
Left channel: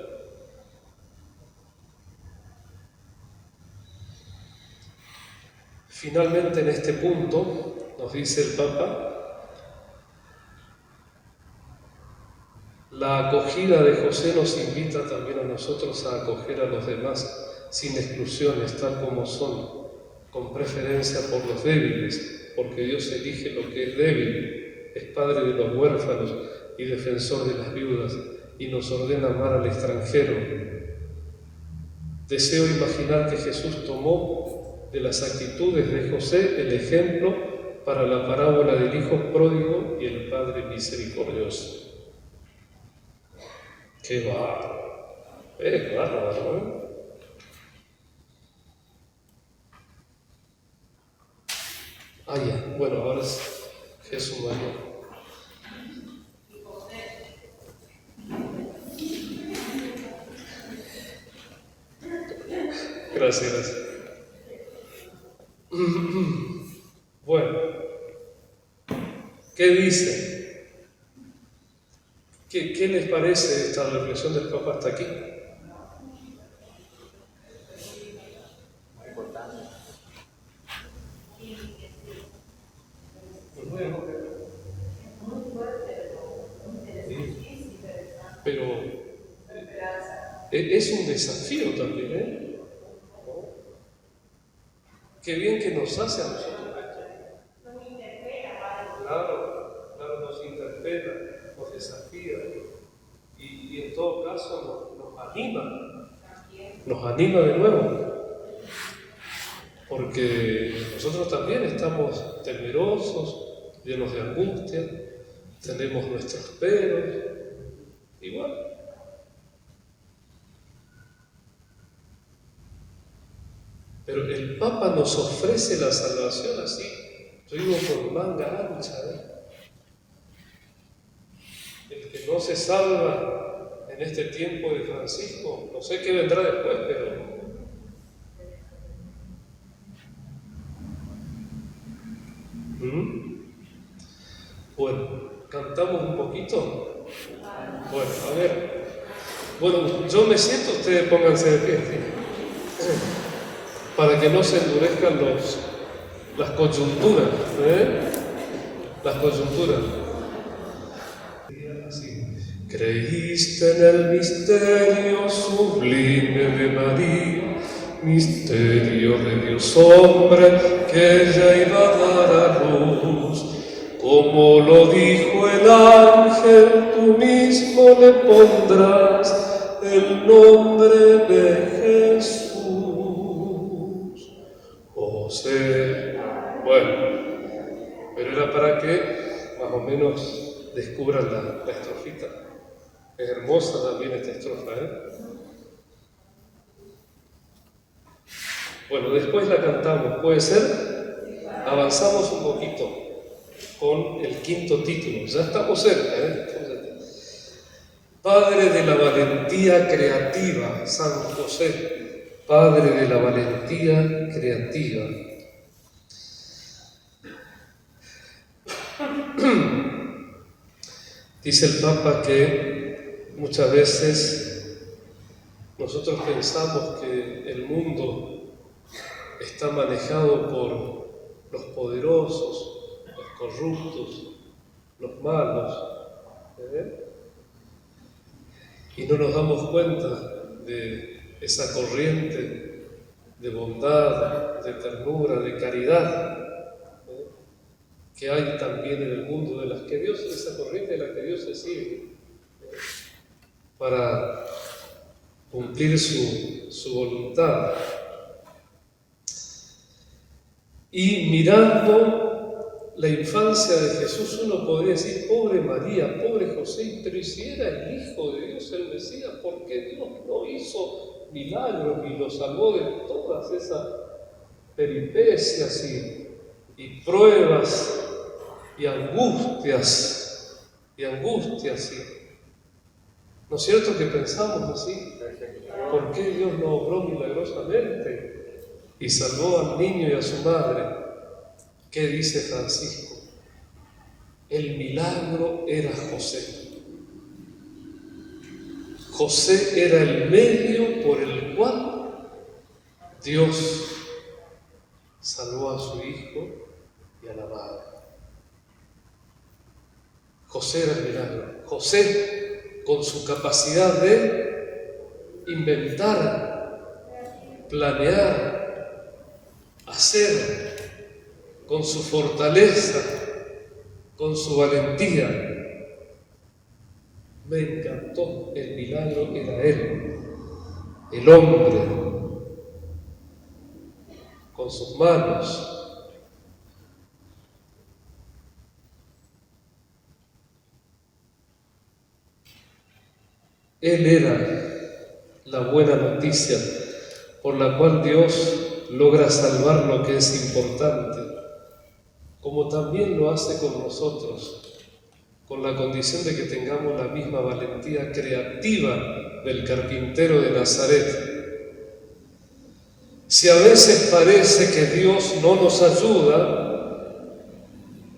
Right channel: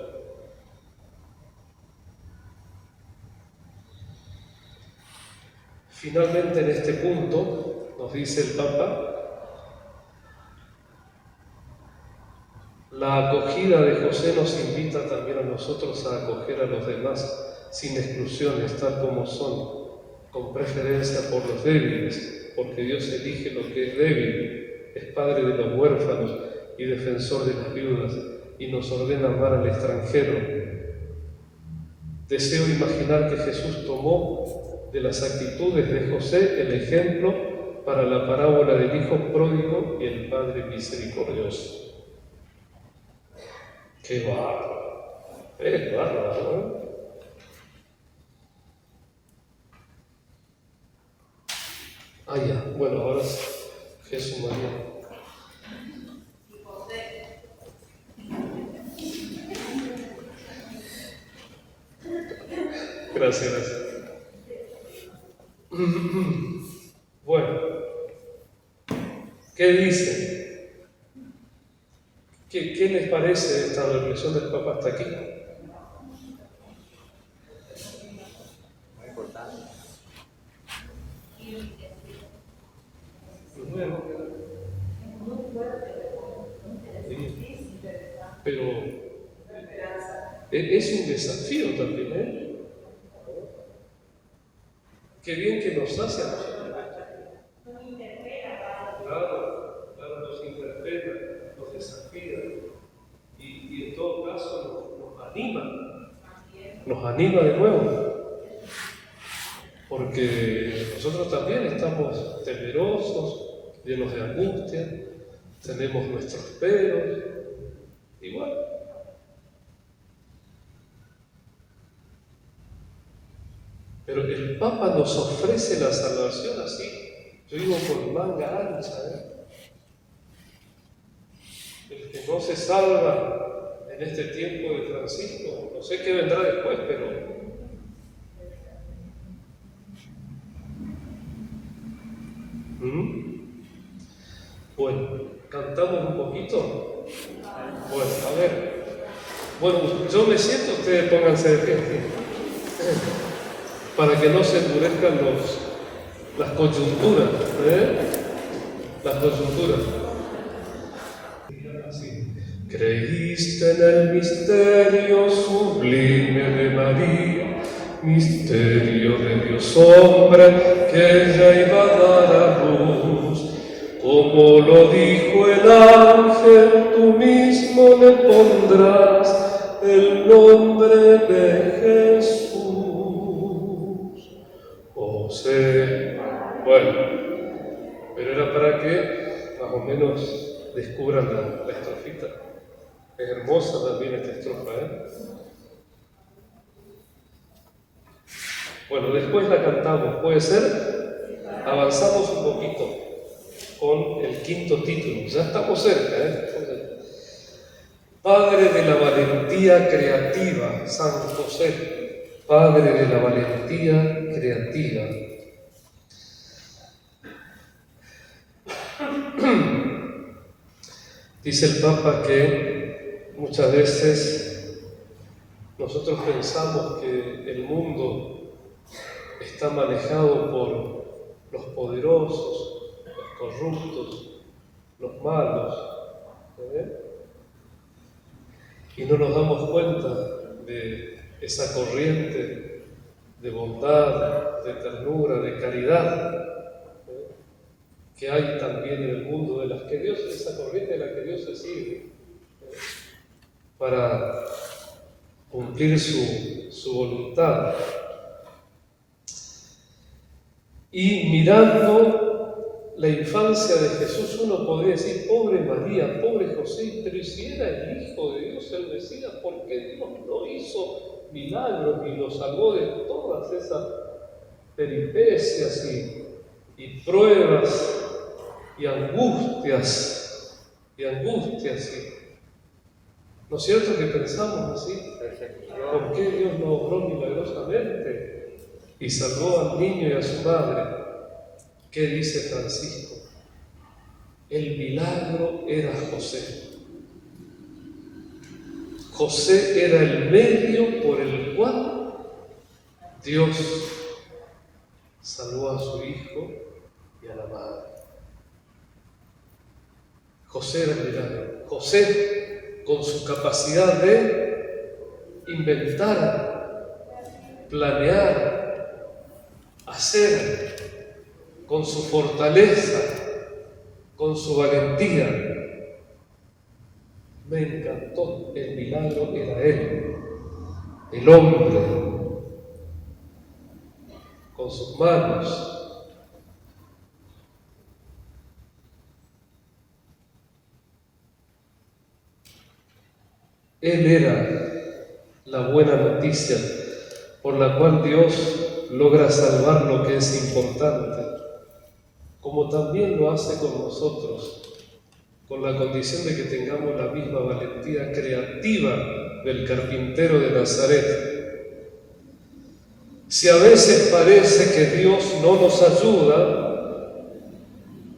Finalmente, en este punto, nos dice el Papa, la acogida de José nos invita también a nosotros a acoger a los demás sin exclusiones, tal como son, con preferencia por los débiles, porque Dios elige lo que es débil, es padre de los huérfanos y defensor de las viudas, y nos ordena amar al extranjero. Deseo imaginar que Jesús tomó de las actitudes de José el ejemplo para la parábola del hijo pródigo y el padre misericordioso. ¡Qué bárbaro! ¡Qué bárbaro! ¿No? Ah, ya. Bueno, ahora es Jesús María. Gracias, gracias. Bueno, ¿qué dicen? ¿Qué les parece esta reflexión del Papa hasta aquí? Muy importante. Sí. Pero es un desafío también, ¿eh? Qué bien que nos hace a nosotros esto. Claro, nos interpela, nos desafía y en todo caso nos anima. Nos anima de nuevo. Porque nosotros también estamos temerosos, llenos de angustia, tenemos nuestros peros, igual. Pero el Papa nos ofrece la salvación así, yo digo con manga ancha. El que no se salva en este tiempo de Francisco, no sé qué vendrá después, pero bueno, ¿cantamos un poquito? Bueno, a ver. Bueno, yo me siento, ustedes pónganse de pie, para que no se endurezcan las coyunturas, Las coyunturas. Así. Creíste en el misterio sublime de María, misterio de Dios hombre que ella iba a dar a luz. Como lo dijo el ángel, tú mismo le pondrás el nombre de Jesús. O sea, bueno, pero era para que más o menos descubran la estrofita. Es hermosa también esta estrofa, Bueno, después la cantamos, ¿puede ser? Avanzamos un poquito con el quinto título. Ya estamos cerca, Padre de la valentía creativa, San José, Padre de la valentía creativa. Dice el Papa que muchas veces nosotros pensamos que el mundo está manejado por los poderosos, los corruptos, los malos, y no nos damos cuenta de esa corriente de bondad, de ternura, de caridad que hay también en el mundo, de las que Dios, esa corriente de la que Dios se sirve para cumplir su voluntad. Y mirando la infancia de Jesús, uno podría decir, pobre María, pobre José, pero si era el Hijo de Dios, el Mesías, ¿por qué Dios no hizo milagros y lo salvó de todas esas peripecias y pruebas y angustias y angustia así. ¿No es cierto que pensamos así? ¿Por qué Dios no obró milagrosamente y salvó al niño y a su madre? ¿Qué dice Francisco? El milagro era José. José era el medio por el cual Dios salvó a su hijo y a la madre. José era el milagro. José, con su capacidad de inventar, planear, hacer, con su fortaleza, con su valentía. Me encantó, el milagro era él, el hombre, con sus manos. Él era la buena noticia por la cual Dios logra salvar lo que es importante, como también lo hace con nosotros, con la condición de que tengamos la misma valentía creativa del carpintero de Nazaret. Si a veces parece que Dios no nos ayuda,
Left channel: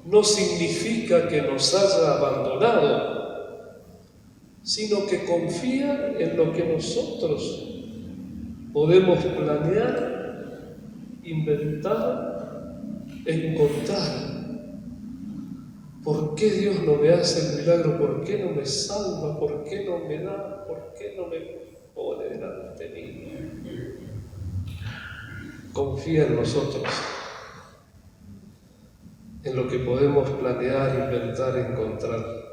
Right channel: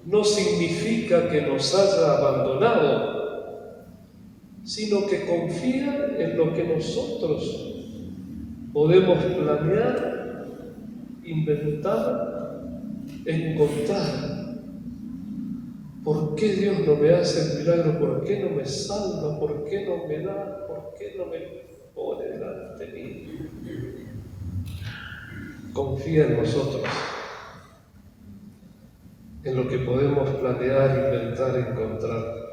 no significa que nos haya abandonado, sino que confía en lo que nosotros podemos planear, inventar, encontrar. ¿Por qué Dios no me hace el milagro? ¿Por qué no me salva? ¿Por qué no me da? ¿Por qué no me pone delante de mí? Confía en nosotros, en lo que podemos planear, inventar, encontrar.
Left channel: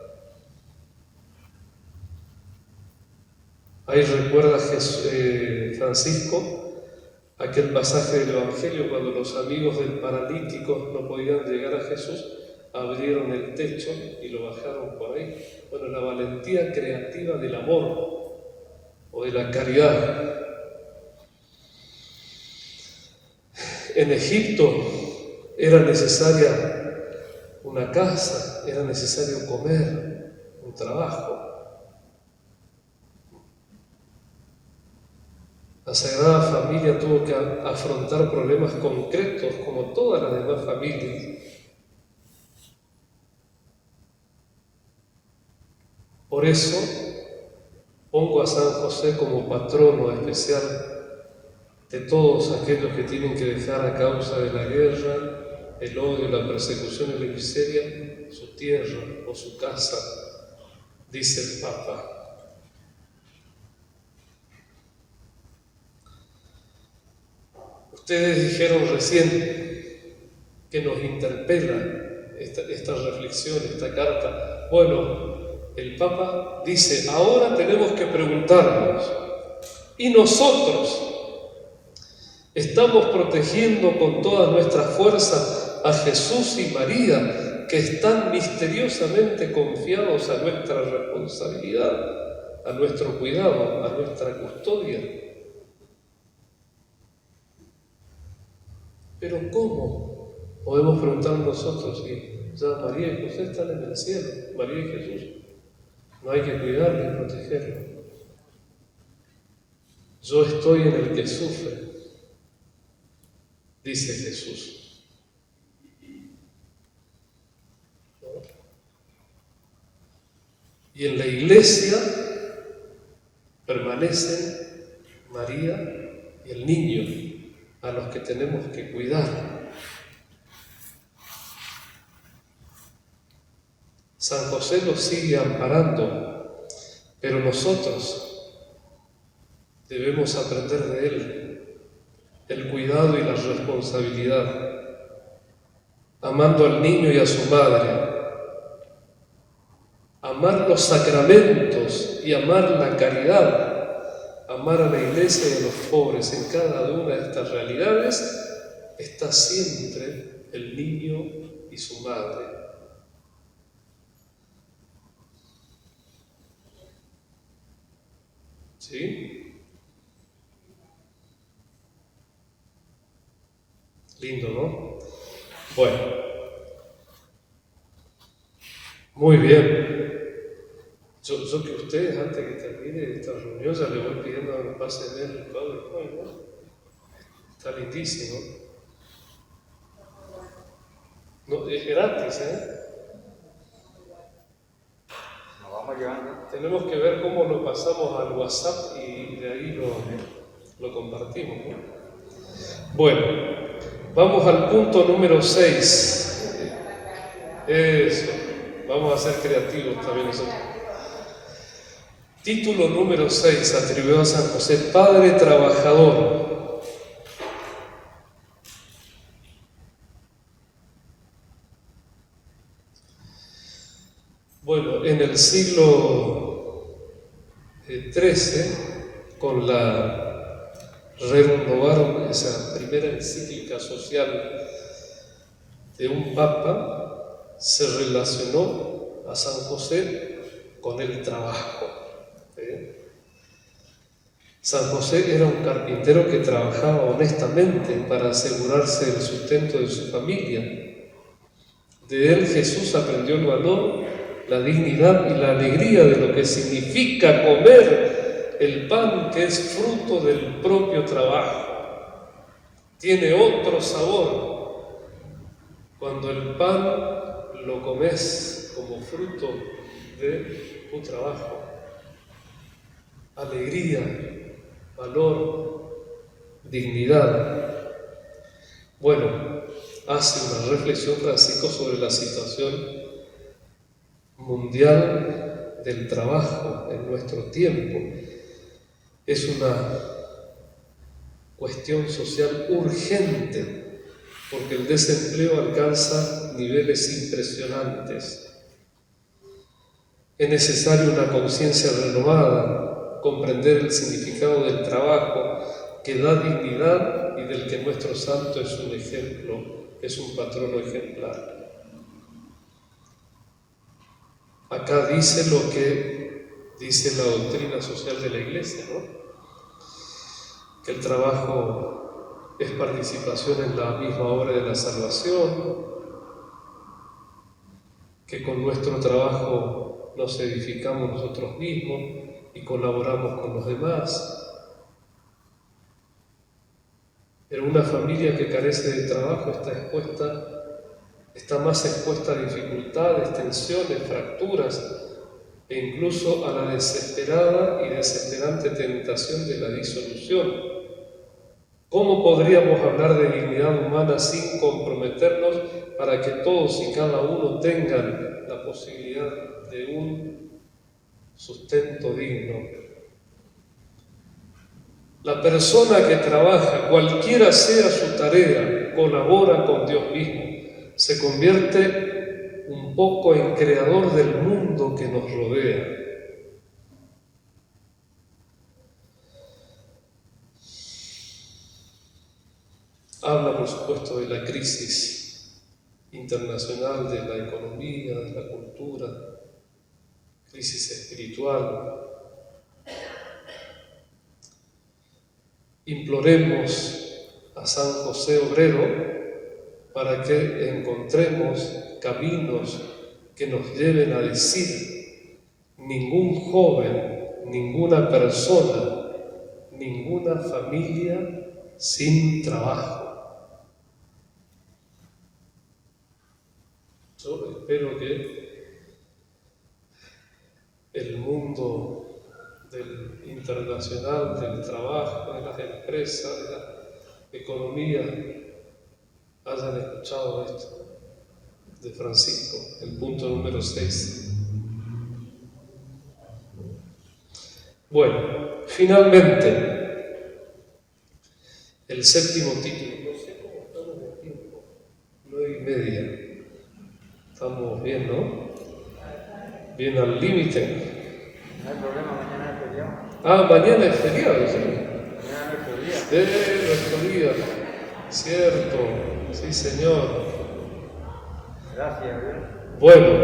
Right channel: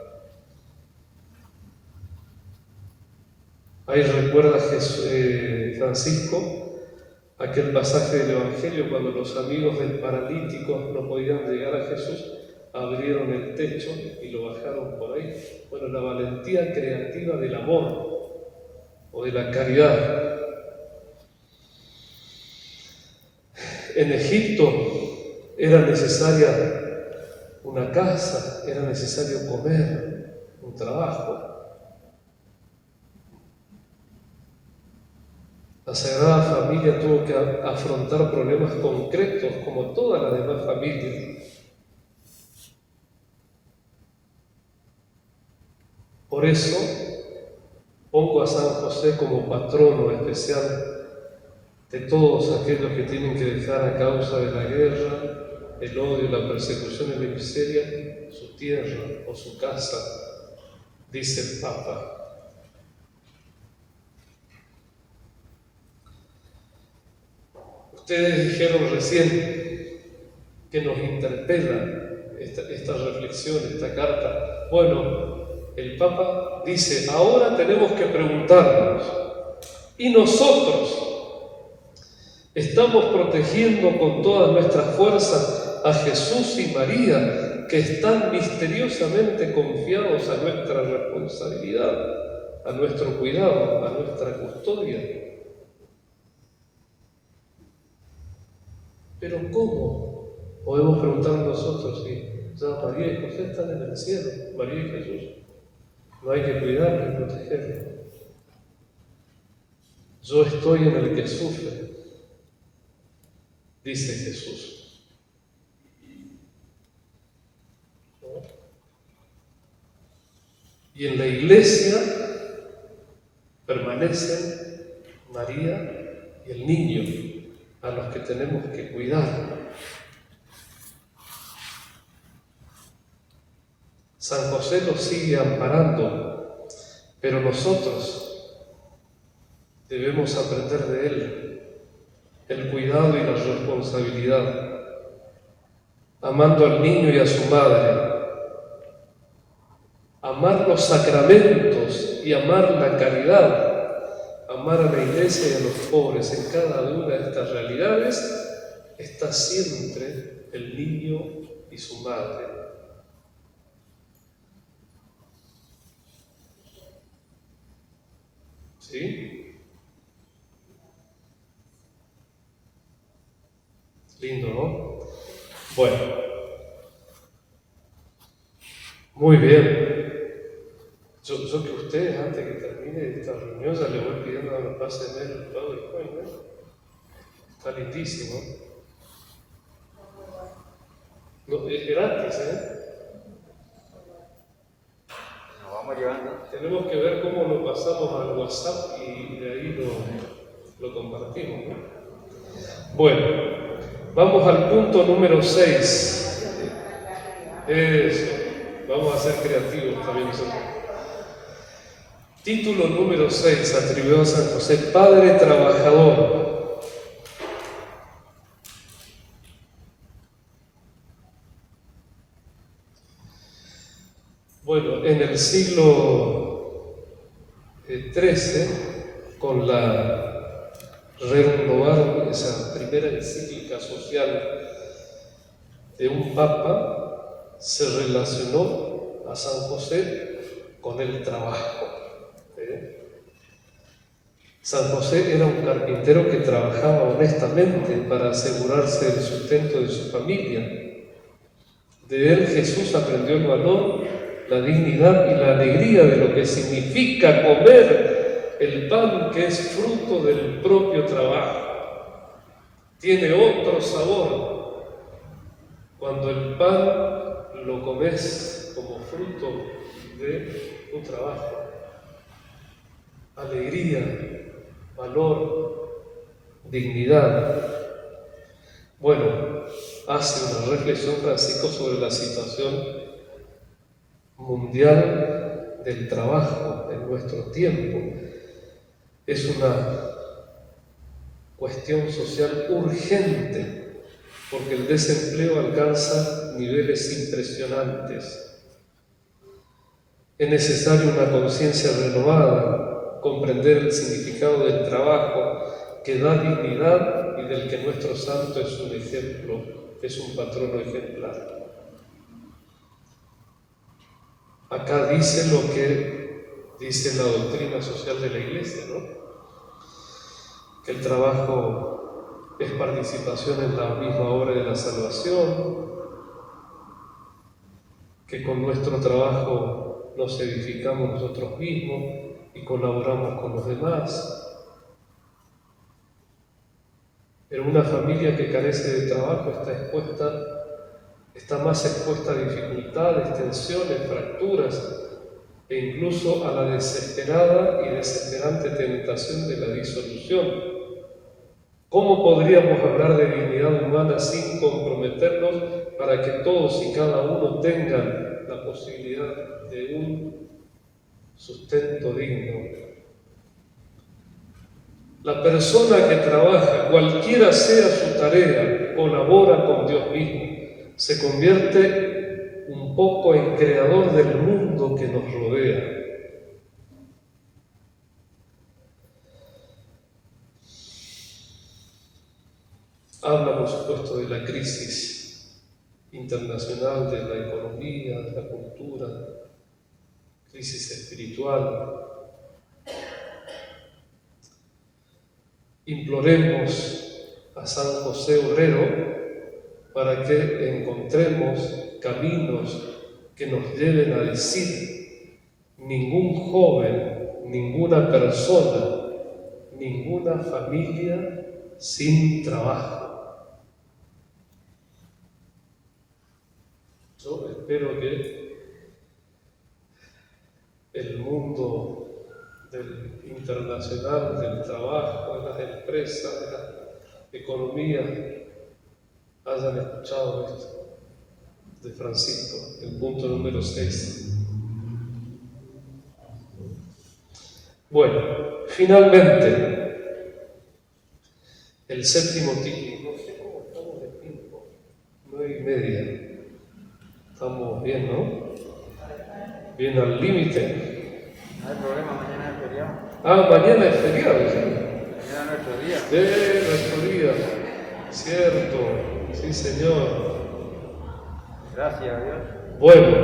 Ahí recuerda Francisco aquel pasaje del Evangelio cuando los amigos del paralítico no podían llegar a Jesús, abrieron el techo y lo bajaron por ahí. Bueno, la valentía creativa del amor o de la caridad. En Egipto era necesaria una casa, era necesario comer, un trabajo. La Sagrada Familia tuvo que afrontar problemas concretos como todas las demás familias. Por eso pongo a San José como patrono especial de todos aquellos que tienen que dejar a causa de la guerra, el odio, la persecución y la miseria su tierra o su casa, dice el Papa. Ustedes dijeron recién que nos interpela esta reflexión, esta carta. Bueno, el Papa dice, ahora tenemos que preguntarnos, ¿y nosotros estamos protegiendo con todas nuestras fuerzas a Jesús y María, que están misteriosamente confiados a nuestra responsabilidad, a nuestro cuidado, a nuestra custodia? Pero ¿cómo? Podemos preguntarnos nosotros, si ya María y José están en el cielo, María y Jesús, no hay que cuidarlo y protegerlo. Yo estoy en el que sufre, dice Jesús. ¿No? Y en la iglesia permanecen María y el niño, a los que tenemos que cuidar. San José nos sigue amparando, pero nosotros debemos aprender de él el cuidado y la responsabilidad, amando al niño y a su madre, amar los sacramentos y amar la caridad, amar a la iglesia y a los pobres. En cada una de estas realidades está siempre el niño y su madre. ¿Sí? Lindo, ¿no? Bueno. Muy bien. Yo que ustedes, antes que termine esta reunión, ya le voy pidiendo que me pasen el PowerPoint, ¿no? Está lindísimo. No, es gratis, ¿eh? Nos vamos llevando. Tenemos que ver cómo lo pasamos al WhatsApp y de ahí lo compartimos, ¿no? Bueno, vamos al punto número 6. Eso, vamos a ser creativos también nosotros. Título número 6, atribuido a San José, Padre Trabajador. Bueno, en el siglo XIII, con renovaron esa primera encíclica social de un papa, se relacionó a San José con el trabajo. San José era un carpintero que trabajaba honestamente para asegurarse el sustento de su familia. De él Jesús aprendió el valor, la dignidad y la alegría de lo que significa comer el pan que es fruto del propio trabajo. Tiene otro sabor cuando el pan lo comes como fruto de tu trabajo. Alegría, valor, dignidad. Bueno, hace una reflexión Francisco sobre la situación mundial del trabajo en nuestro tiempo. Es una cuestión social urgente porque el desempleo alcanza niveles impresionantes. Es necesaria una conciencia renovada, comprender el significado del trabajo que da dignidad y del que nuestro santo es un ejemplo, es un patrono ejemplar. Acá dice lo que dice la doctrina social de la Iglesia, ¿no? Que el trabajo es participación en la misma obra de la salvación, que con nuestro trabajo nos edificamos nosotros mismos y colaboramos con los demás. Pero una familia que carece de trabajo está más expuesta a dificultades, tensiones, fracturas e incluso a la desesperada y desesperante tentación de la disolución. ¿Cómo podríamos hablar de dignidad humana sin comprometernos para que todos y cada uno tengan la posibilidad de un sustento digno? La persona que trabaja, cualquiera sea su tarea, colabora con Dios mismo, se convierte un poco en creador del mundo que nos rodea. Habla, por supuesto, de la crisis internacional, de la economía, de la cultura, crisis espiritual. Imploremos a San José Obrero para que encontremos caminos que nos lleven a decir: ningún joven, ninguna persona, ninguna familia sin trabajo. Yo espero que el mundo internacional del trabajo, de las empresas, de la economía, hayan escuchado esto de Francisco, el punto número 6. Bueno, finalmente, el séptimo título. No sé cómo estamos de tiempo. 9:30. Estamos bien, ¿no? Bien al límite. No hay problema, mañana es feriado. Ah, mañana es feriado, ¿sí? Mañana es nuestro día. Nuestro día. Cierto, sí, señor. Gracias a Dios. Bueno,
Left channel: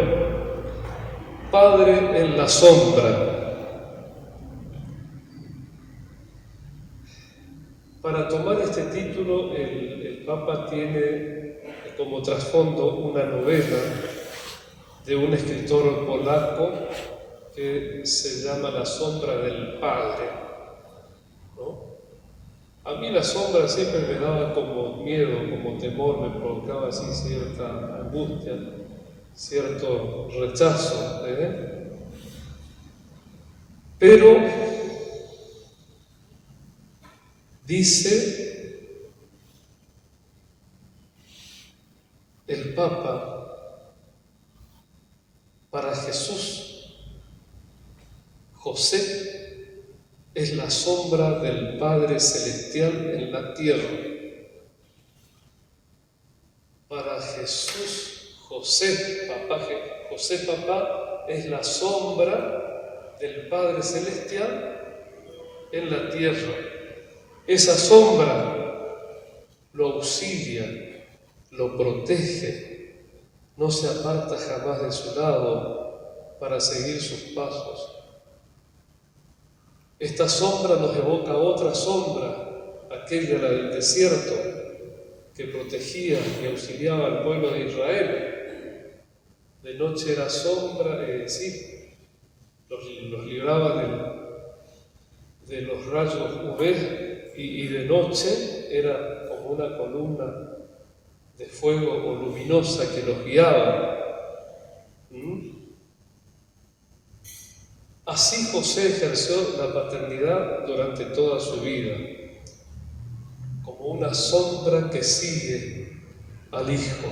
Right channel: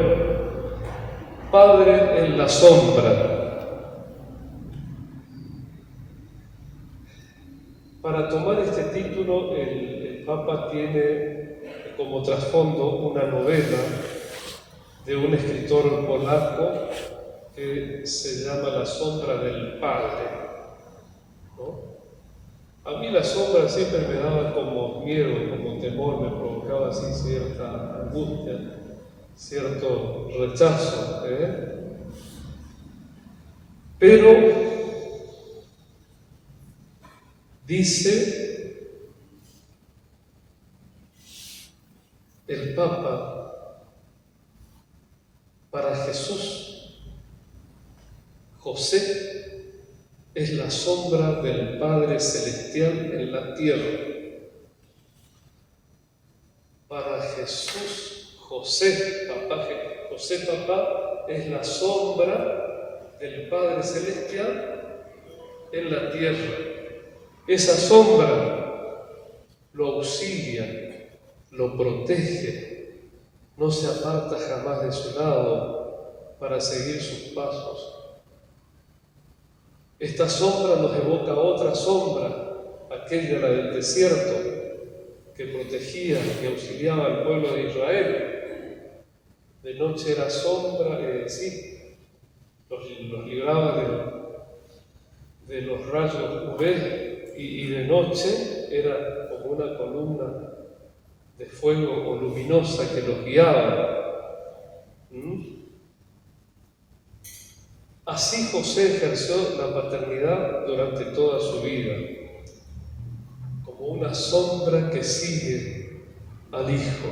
Padre en la sombra. Para tomar este título, el Papa tiene como trasfondo una novela de un escritor polaco, que se llama la sombra del Padre, ¿no? A mí la sombra siempre me daba como miedo, como temor, me provocaba así cierta angustia, cierto rechazo, Pero dice el Papa, para Jesús, José es la sombra del Padre Celestial en la tierra. Para Jesús, José Papá, es la sombra del Padre Celestial en la tierra. Esa sombra lo auxilia, lo protege, no se aparta jamás de su lado para seguir sus pasos. Esta sombra nos evoca otra sombra, aquella del desierto, que protegía, que auxiliaba al pueblo de Israel. De noche era sombra, los libraba de los rayos UV, y de noche era como una columna de fuego o luminosa que los guiaba. Así José ejerció la paternidad durante toda su vida, como una sombra que sigue al Hijo.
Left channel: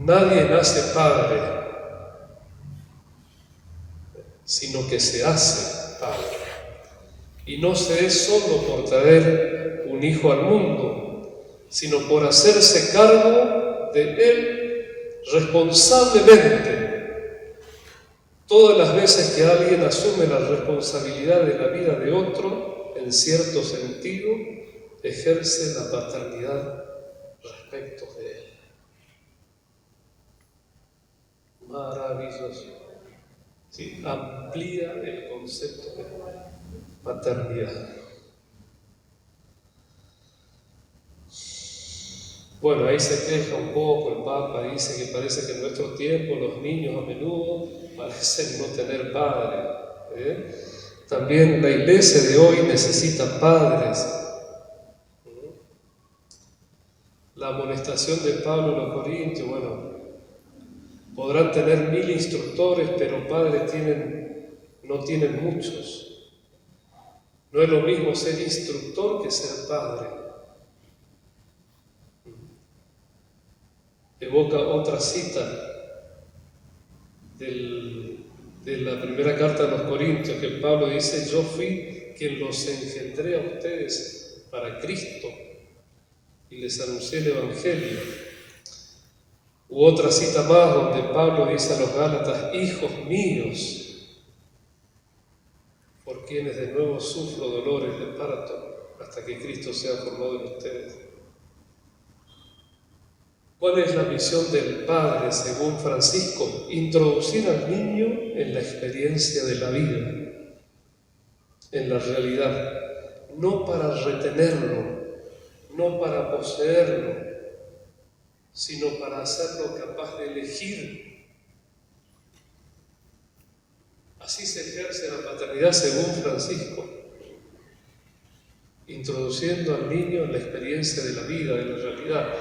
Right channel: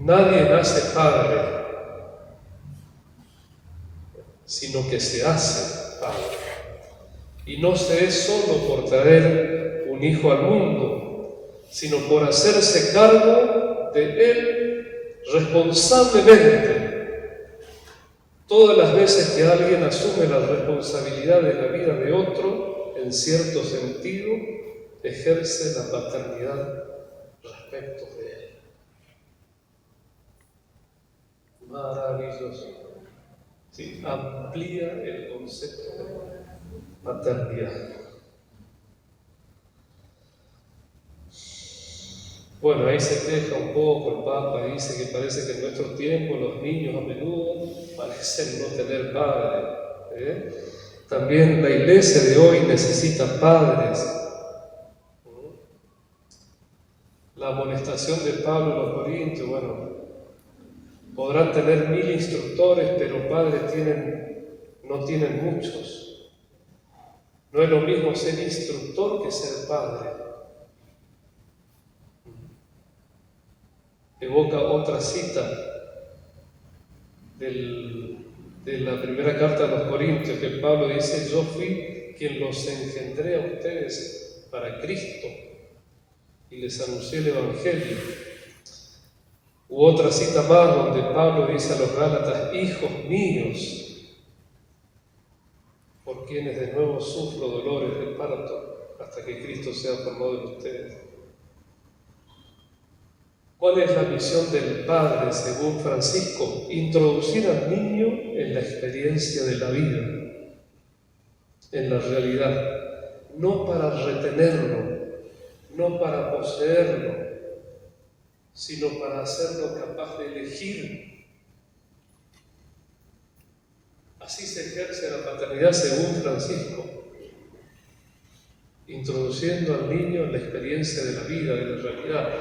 Nadie nace padre, sino que se hace padre. Y no se es solo por traer un hijo al mundo, sino por hacerse cargo de él responsablemente. Todas las veces que alguien asume la responsabilidad de la vida de otro, en cierto sentido, ejerce la paternidad respecto de él. Maravilloso. Sí, amplía el concepto de paternidad. Bueno, ahí se deja un poco, el Papa dice que parece que en nuestros tiempos los niños a menudo parecen no tener padre. También la iglesia de hoy necesita padres. La amonestación de Pablo a los Corintios, podrán tener 1000 instructores, pero padres no tienen muchos. No es lo mismo ser instructor que ser padre. Evoca otra cita de la primera carta a los Corintios, que Pablo dice: yo fui quien los engendré a ustedes para Cristo y les anuncié el Evangelio. U otra cita más donde Pablo dice a los Gálatas: hijos míos, por quienes de nuevo sufro dolores de parto hasta que Cristo sea formado en ustedes. ¿Cuál es la misión del Padre, según Francisco? Introducir al niño en la experiencia de la vida, en la realidad, no para retenerlo, no para poseerlo, sino para hacerlo capaz de elegir. Así se ejerce la paternidad según Francisco, introduciendo al niño en la experiencia de la vida, de la realidad,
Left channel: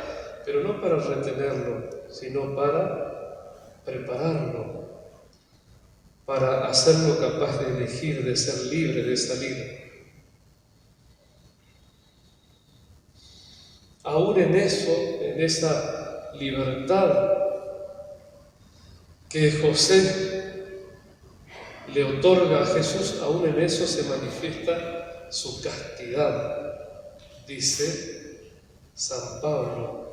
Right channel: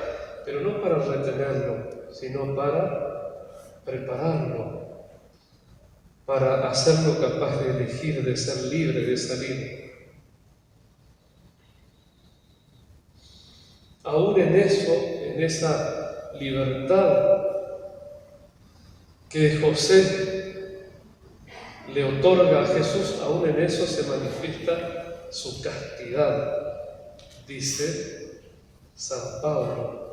pero no para retenerlo, sino para prepararlo, para hacerlo capaz de elegir, de ser libre, de salir. Aún en eso, en esa libertad que José le otorga a Jesús, aún en eso se manifiesta su castidad. Dice San Pablo:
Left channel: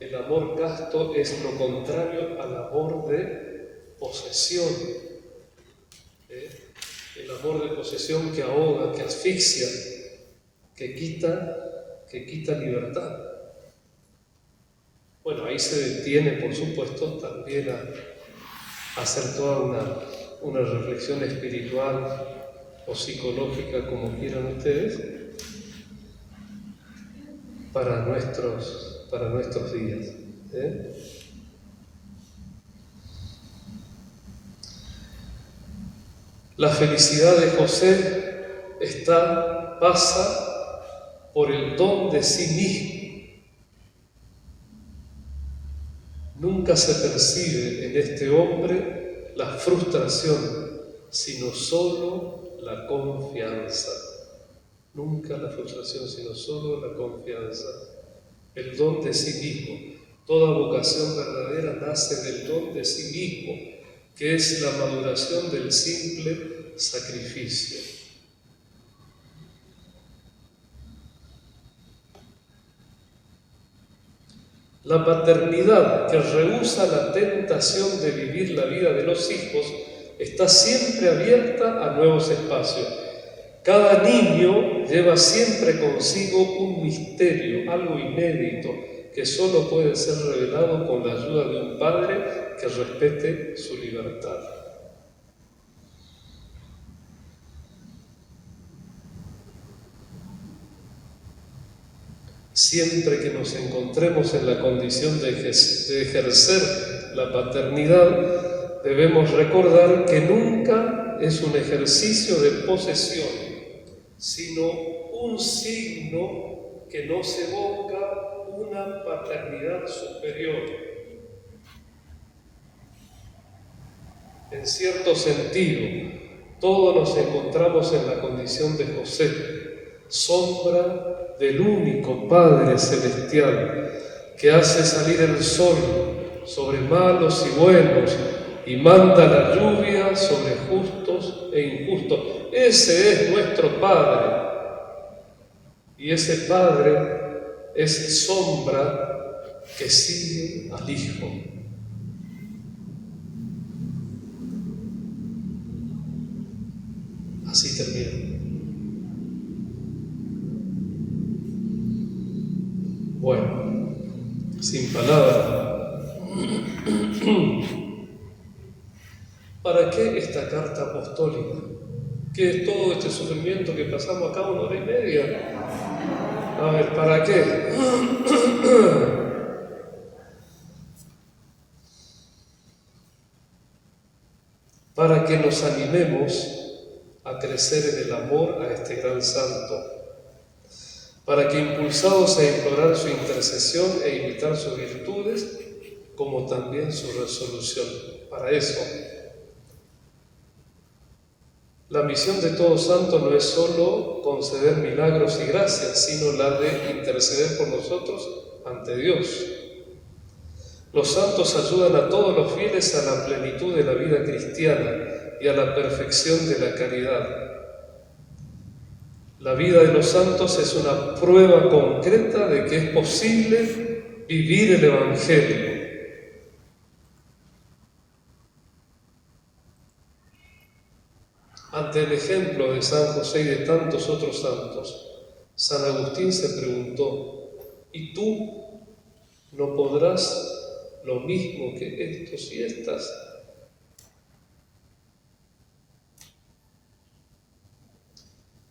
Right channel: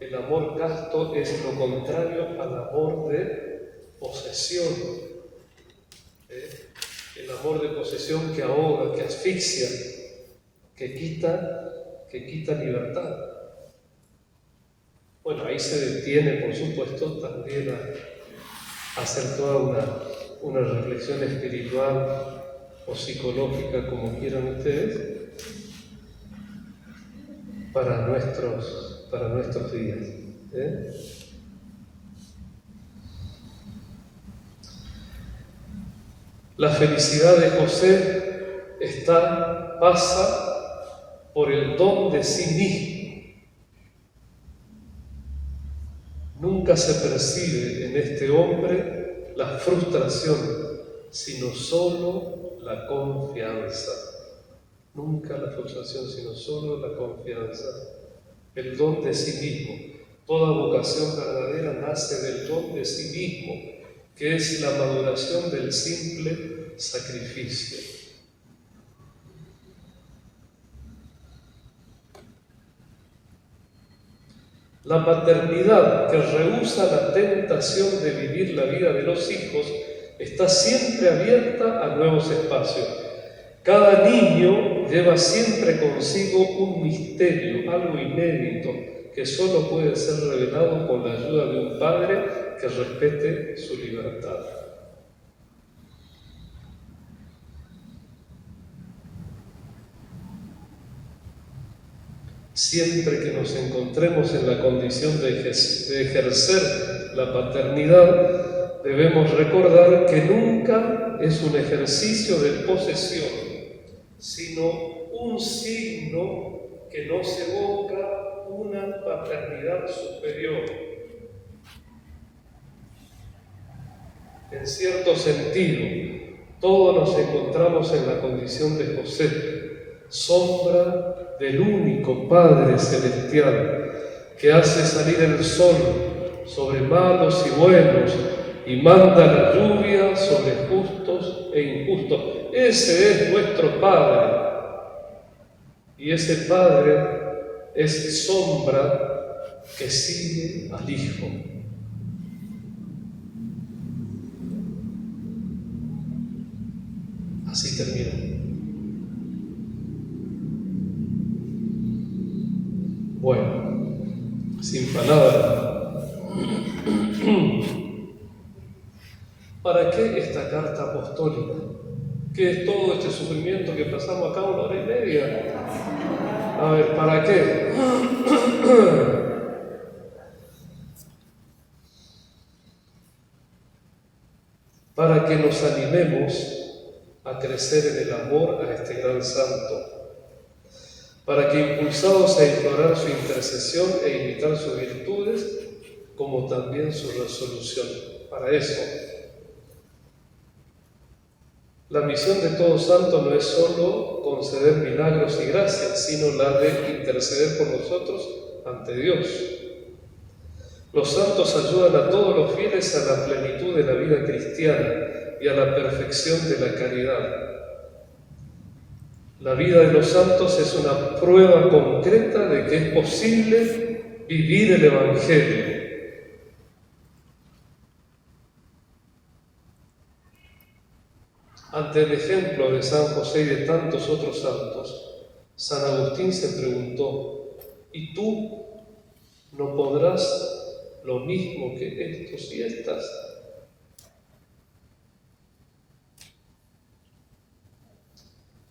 el amor casto es lo contrario al amor de posesión. El amor de posesión que ahoga, que asfixia, que quita libertad. Bueno, ahí se detiene, por supuesto, también a hacer toda una reflexión espiritual o psicológica, como quieran ustedes, para nuestros días. La felicidad de José pasa por el don de sí mismo. Nunca se percibe en este hombre la frustración, sino solo la confianza. Nunca la frustración, sino solo la confianza. El don de sí mismo. Toda vocación verdadera nace del don de sí mismo, que es la maduración del simple sacrificio. La paternidad que rehúsa la tentación de vivir la vida de los hijos está siempre abierta a nuevos espacios. Cada niño lleva siempre consigo un misterio, algo inédito, que solo puede ser revelado con la ayuda de un padre que respete su libertad. Siempre que nos encontremos en la condición de ejercer la paternidad, debemos recordar que nunca es un ejercicio de posesión, sino un signo que nos evoca una paternidad superior. En cierto sentido, todos nos encontramos en la condición de José, sombra del único Padre Celestial, que hace salir el sol sobre malos y buenos y manda la lluvia sobre justos e injustos. Ese es nuestro Padre. Y ese Padre es sombra que sigue al Hijo. Así termina. Bueno, sin palabras. ¿Para qué esta carta apostólica? ¿Qué es todo este sufrimiento que pasamos acá 1 hora y media? A ver, ¿para qué? Para que nos animemos a crecer en el amor a este gran santo, para que impulsados a implorar su intercesión e imitar sus virtudes, como también su resolución. Para eso, la misión de todo santo no es solo conceder milagros y gracias, sino la de interceder por nosotros ante Dios. Los santos ayudan a todos los fieles a la plenitud de la vida cristiana y a la perfección de la caridad. La vida de los santos es una prueba concreta de que es posible vivir el Evangelio. Ante el ejemplo de San José y de tantos otros santos, San Agustín se preguntó: ¿y tú no podrás lo mismo que estos y estas?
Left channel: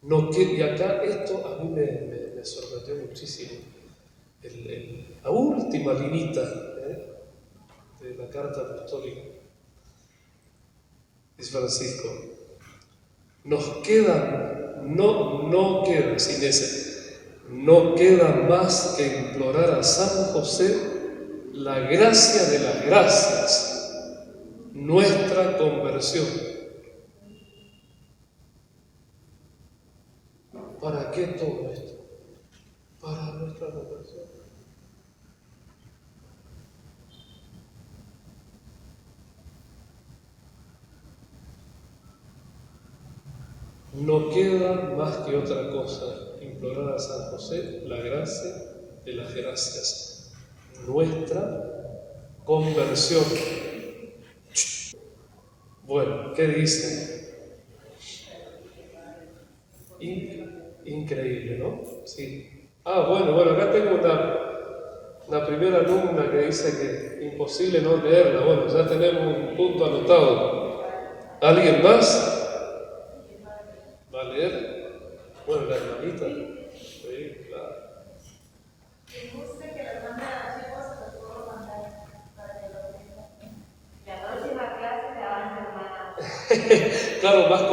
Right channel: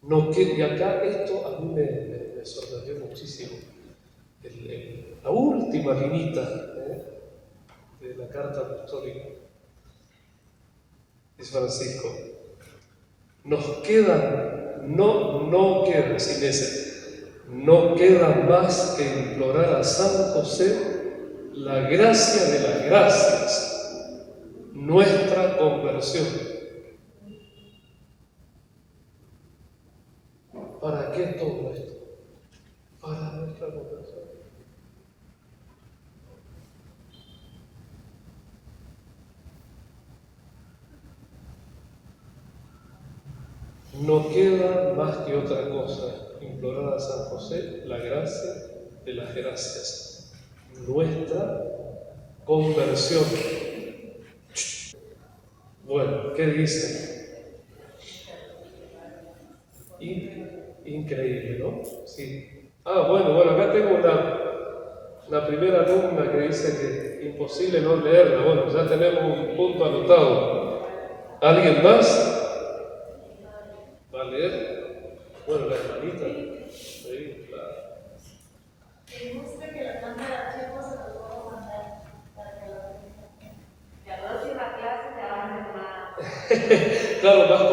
Y acá esto a mí me sorprendió muchísimo. La última linita de la carta apostólica es Francisco. Nos queda, no queda, sin ese, no queda más que implorar a San José la gracia de las gracias, nuestra conversión. ¿Para qué todo esto? Para nuestra conversión. No queda más que otra cosa, implorar a San José la gracia de las gracias, nuestra conversión. Bueno, ¿qué dice? Increíble, ¿no? Sí. Bueno, acá tengo una primera alumna que dice que imposible no leerla. Bueno, ya tenemos un punto anotado. ¿Alguien más? ¿Va a leer? Bueno, la hermanita. Sí, claro. ¿Les gusta que la mande a chicos? Se los puedo mandar para que lo vean también. Y a la próxima clase se van a hacer más. Claro, más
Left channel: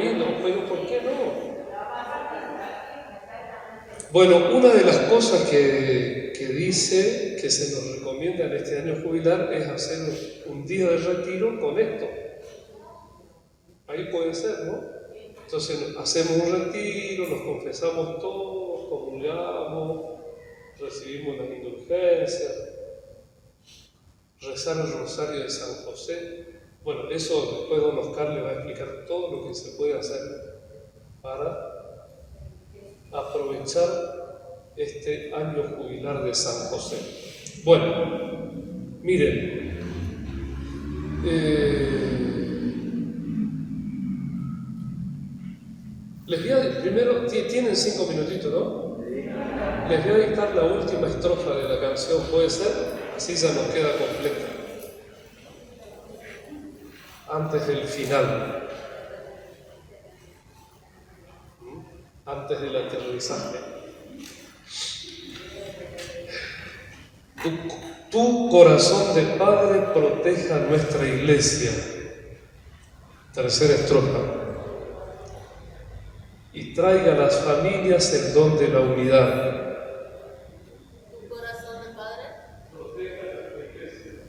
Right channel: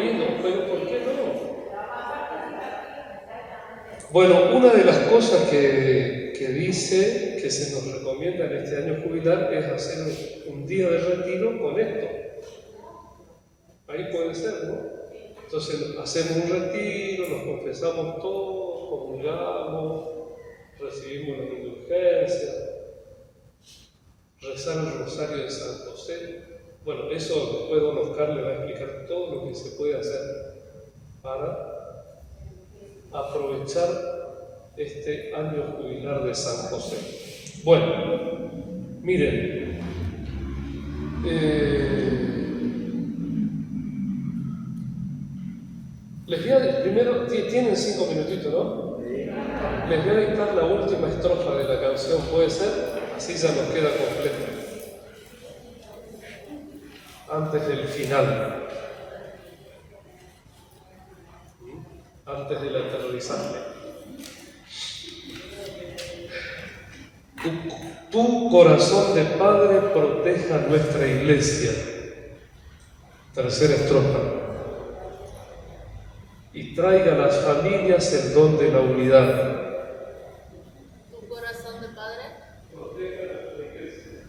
lindo, pero ¿por qué no? Bueno, una de las cosas que dice que se nos recomienda en este año jubilar es hacer un día de retiro con esto. Ahí puede ser, ¿no? Entonces hacemos un retiro, nos confesamos todos, comulgamos, recibimos las indulgencias, rezar el rosario de San José. Bueno, eso después don Oscar le va a explicar todo lo que se puede hacer para aprovechar este año jubilar de San José. Bueno, miren, les voy a, primero, tienen 5 minutitos, ¿no? Les voy a dictar la última estrofa de la canción, ¿puede ser? Así ya nos queda completa. Antes del final. Antes del aterrorizante. Tu corazón de Padre proteja nuestra iglesia. Tercera estrofa. Y traiga a las familias el don de la unidad. Tu corazón de Padre Proteja a nuestra iglesia.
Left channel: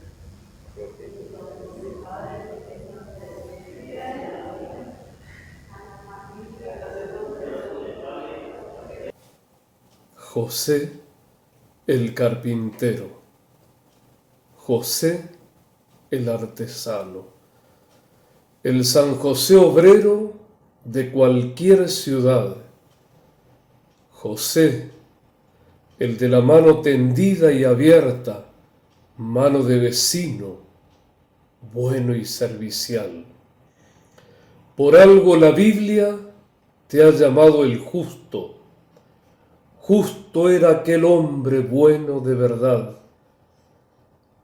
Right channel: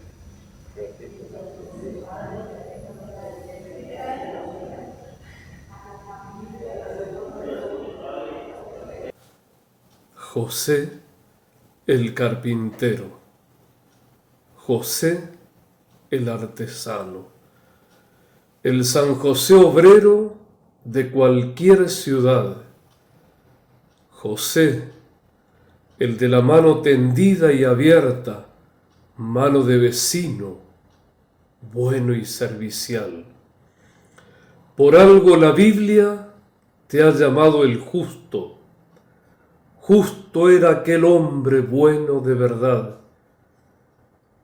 José el carpintero, José el artesano, el San José obrero de cualquier ciudad, José el de la mano tendida y abierta, mano de vecino, bueno y servicial. Por algo la Biblia te ha llamado el justo. Justo era aquel hombre bueno de verdad,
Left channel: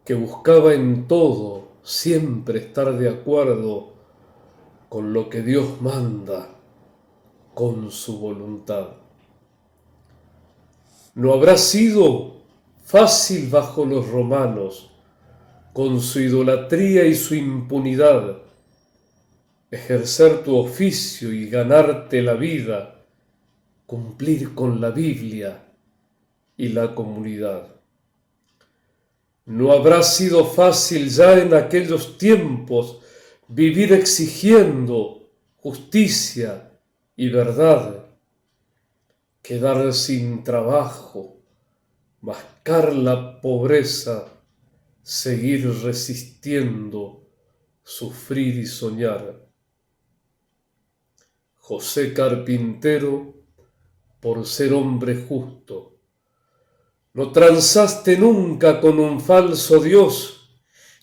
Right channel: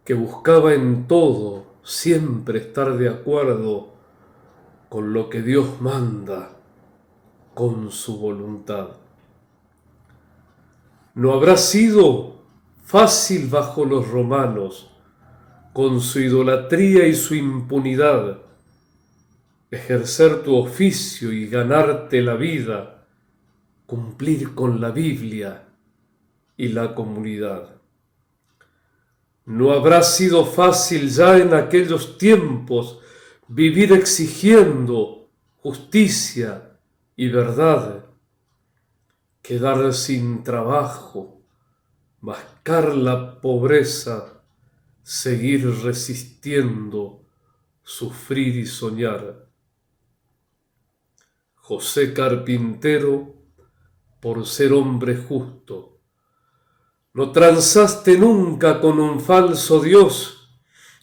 que buscaba en todo siempre estar de acuerdo con lo que Dios manda, con su voluntad. No habrá sido fácil bajo los romanos, con su idolatría y su impunidad, ejercer tu oficio y ganarte la vida, cumplir con la Biblia y la comunidad. No habrá sido fácil ya en aquellos tiempos vivir exigiendo justicia y verdad, quedar sin trabajo, mascar la pobreza, seguir resistiendo, sufrir y soñar. José carpintero, por ser hombre justo, no transaste nunca con un falso Dios,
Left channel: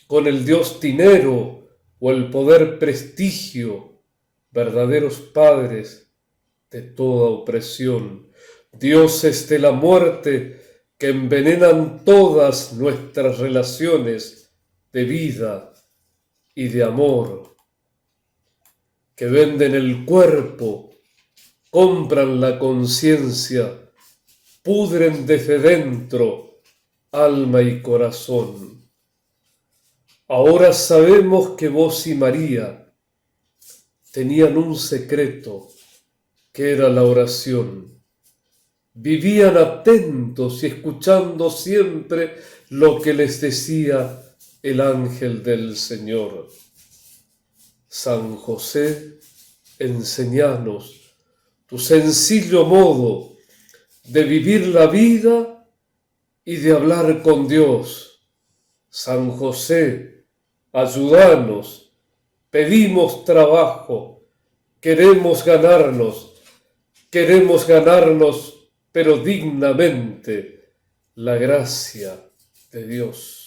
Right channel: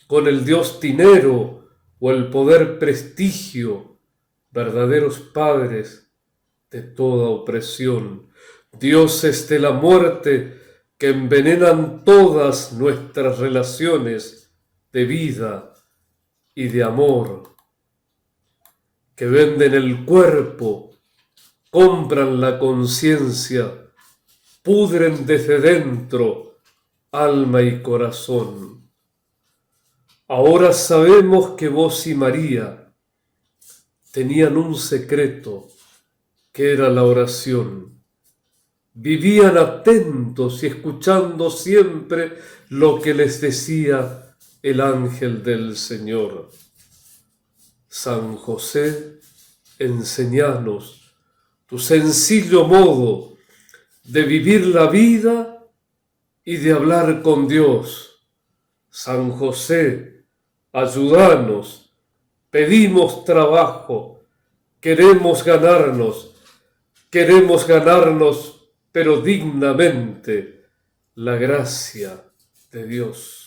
con el Dios dinero o el poder prestigio, verdaderos padres de toda opresión, dioses de la muerte que envenenan todas nuestras relaciones de vida y de amor, que venden el cuerpo, compran la conciencia, pudren desde dentro alma y corazón. Ahora sabemos que vos y María tenían un secreto que era la oración. Vivían atentos y escuchando siempre lo que les decía el ángel del Señor. San José, enséñanos tu sencillo modo de vivir la vida y de hablar con Dios. San José, ayúdanos, pedimos trabajo, queremos ganarnos, pero dignamente la gracia de Dios.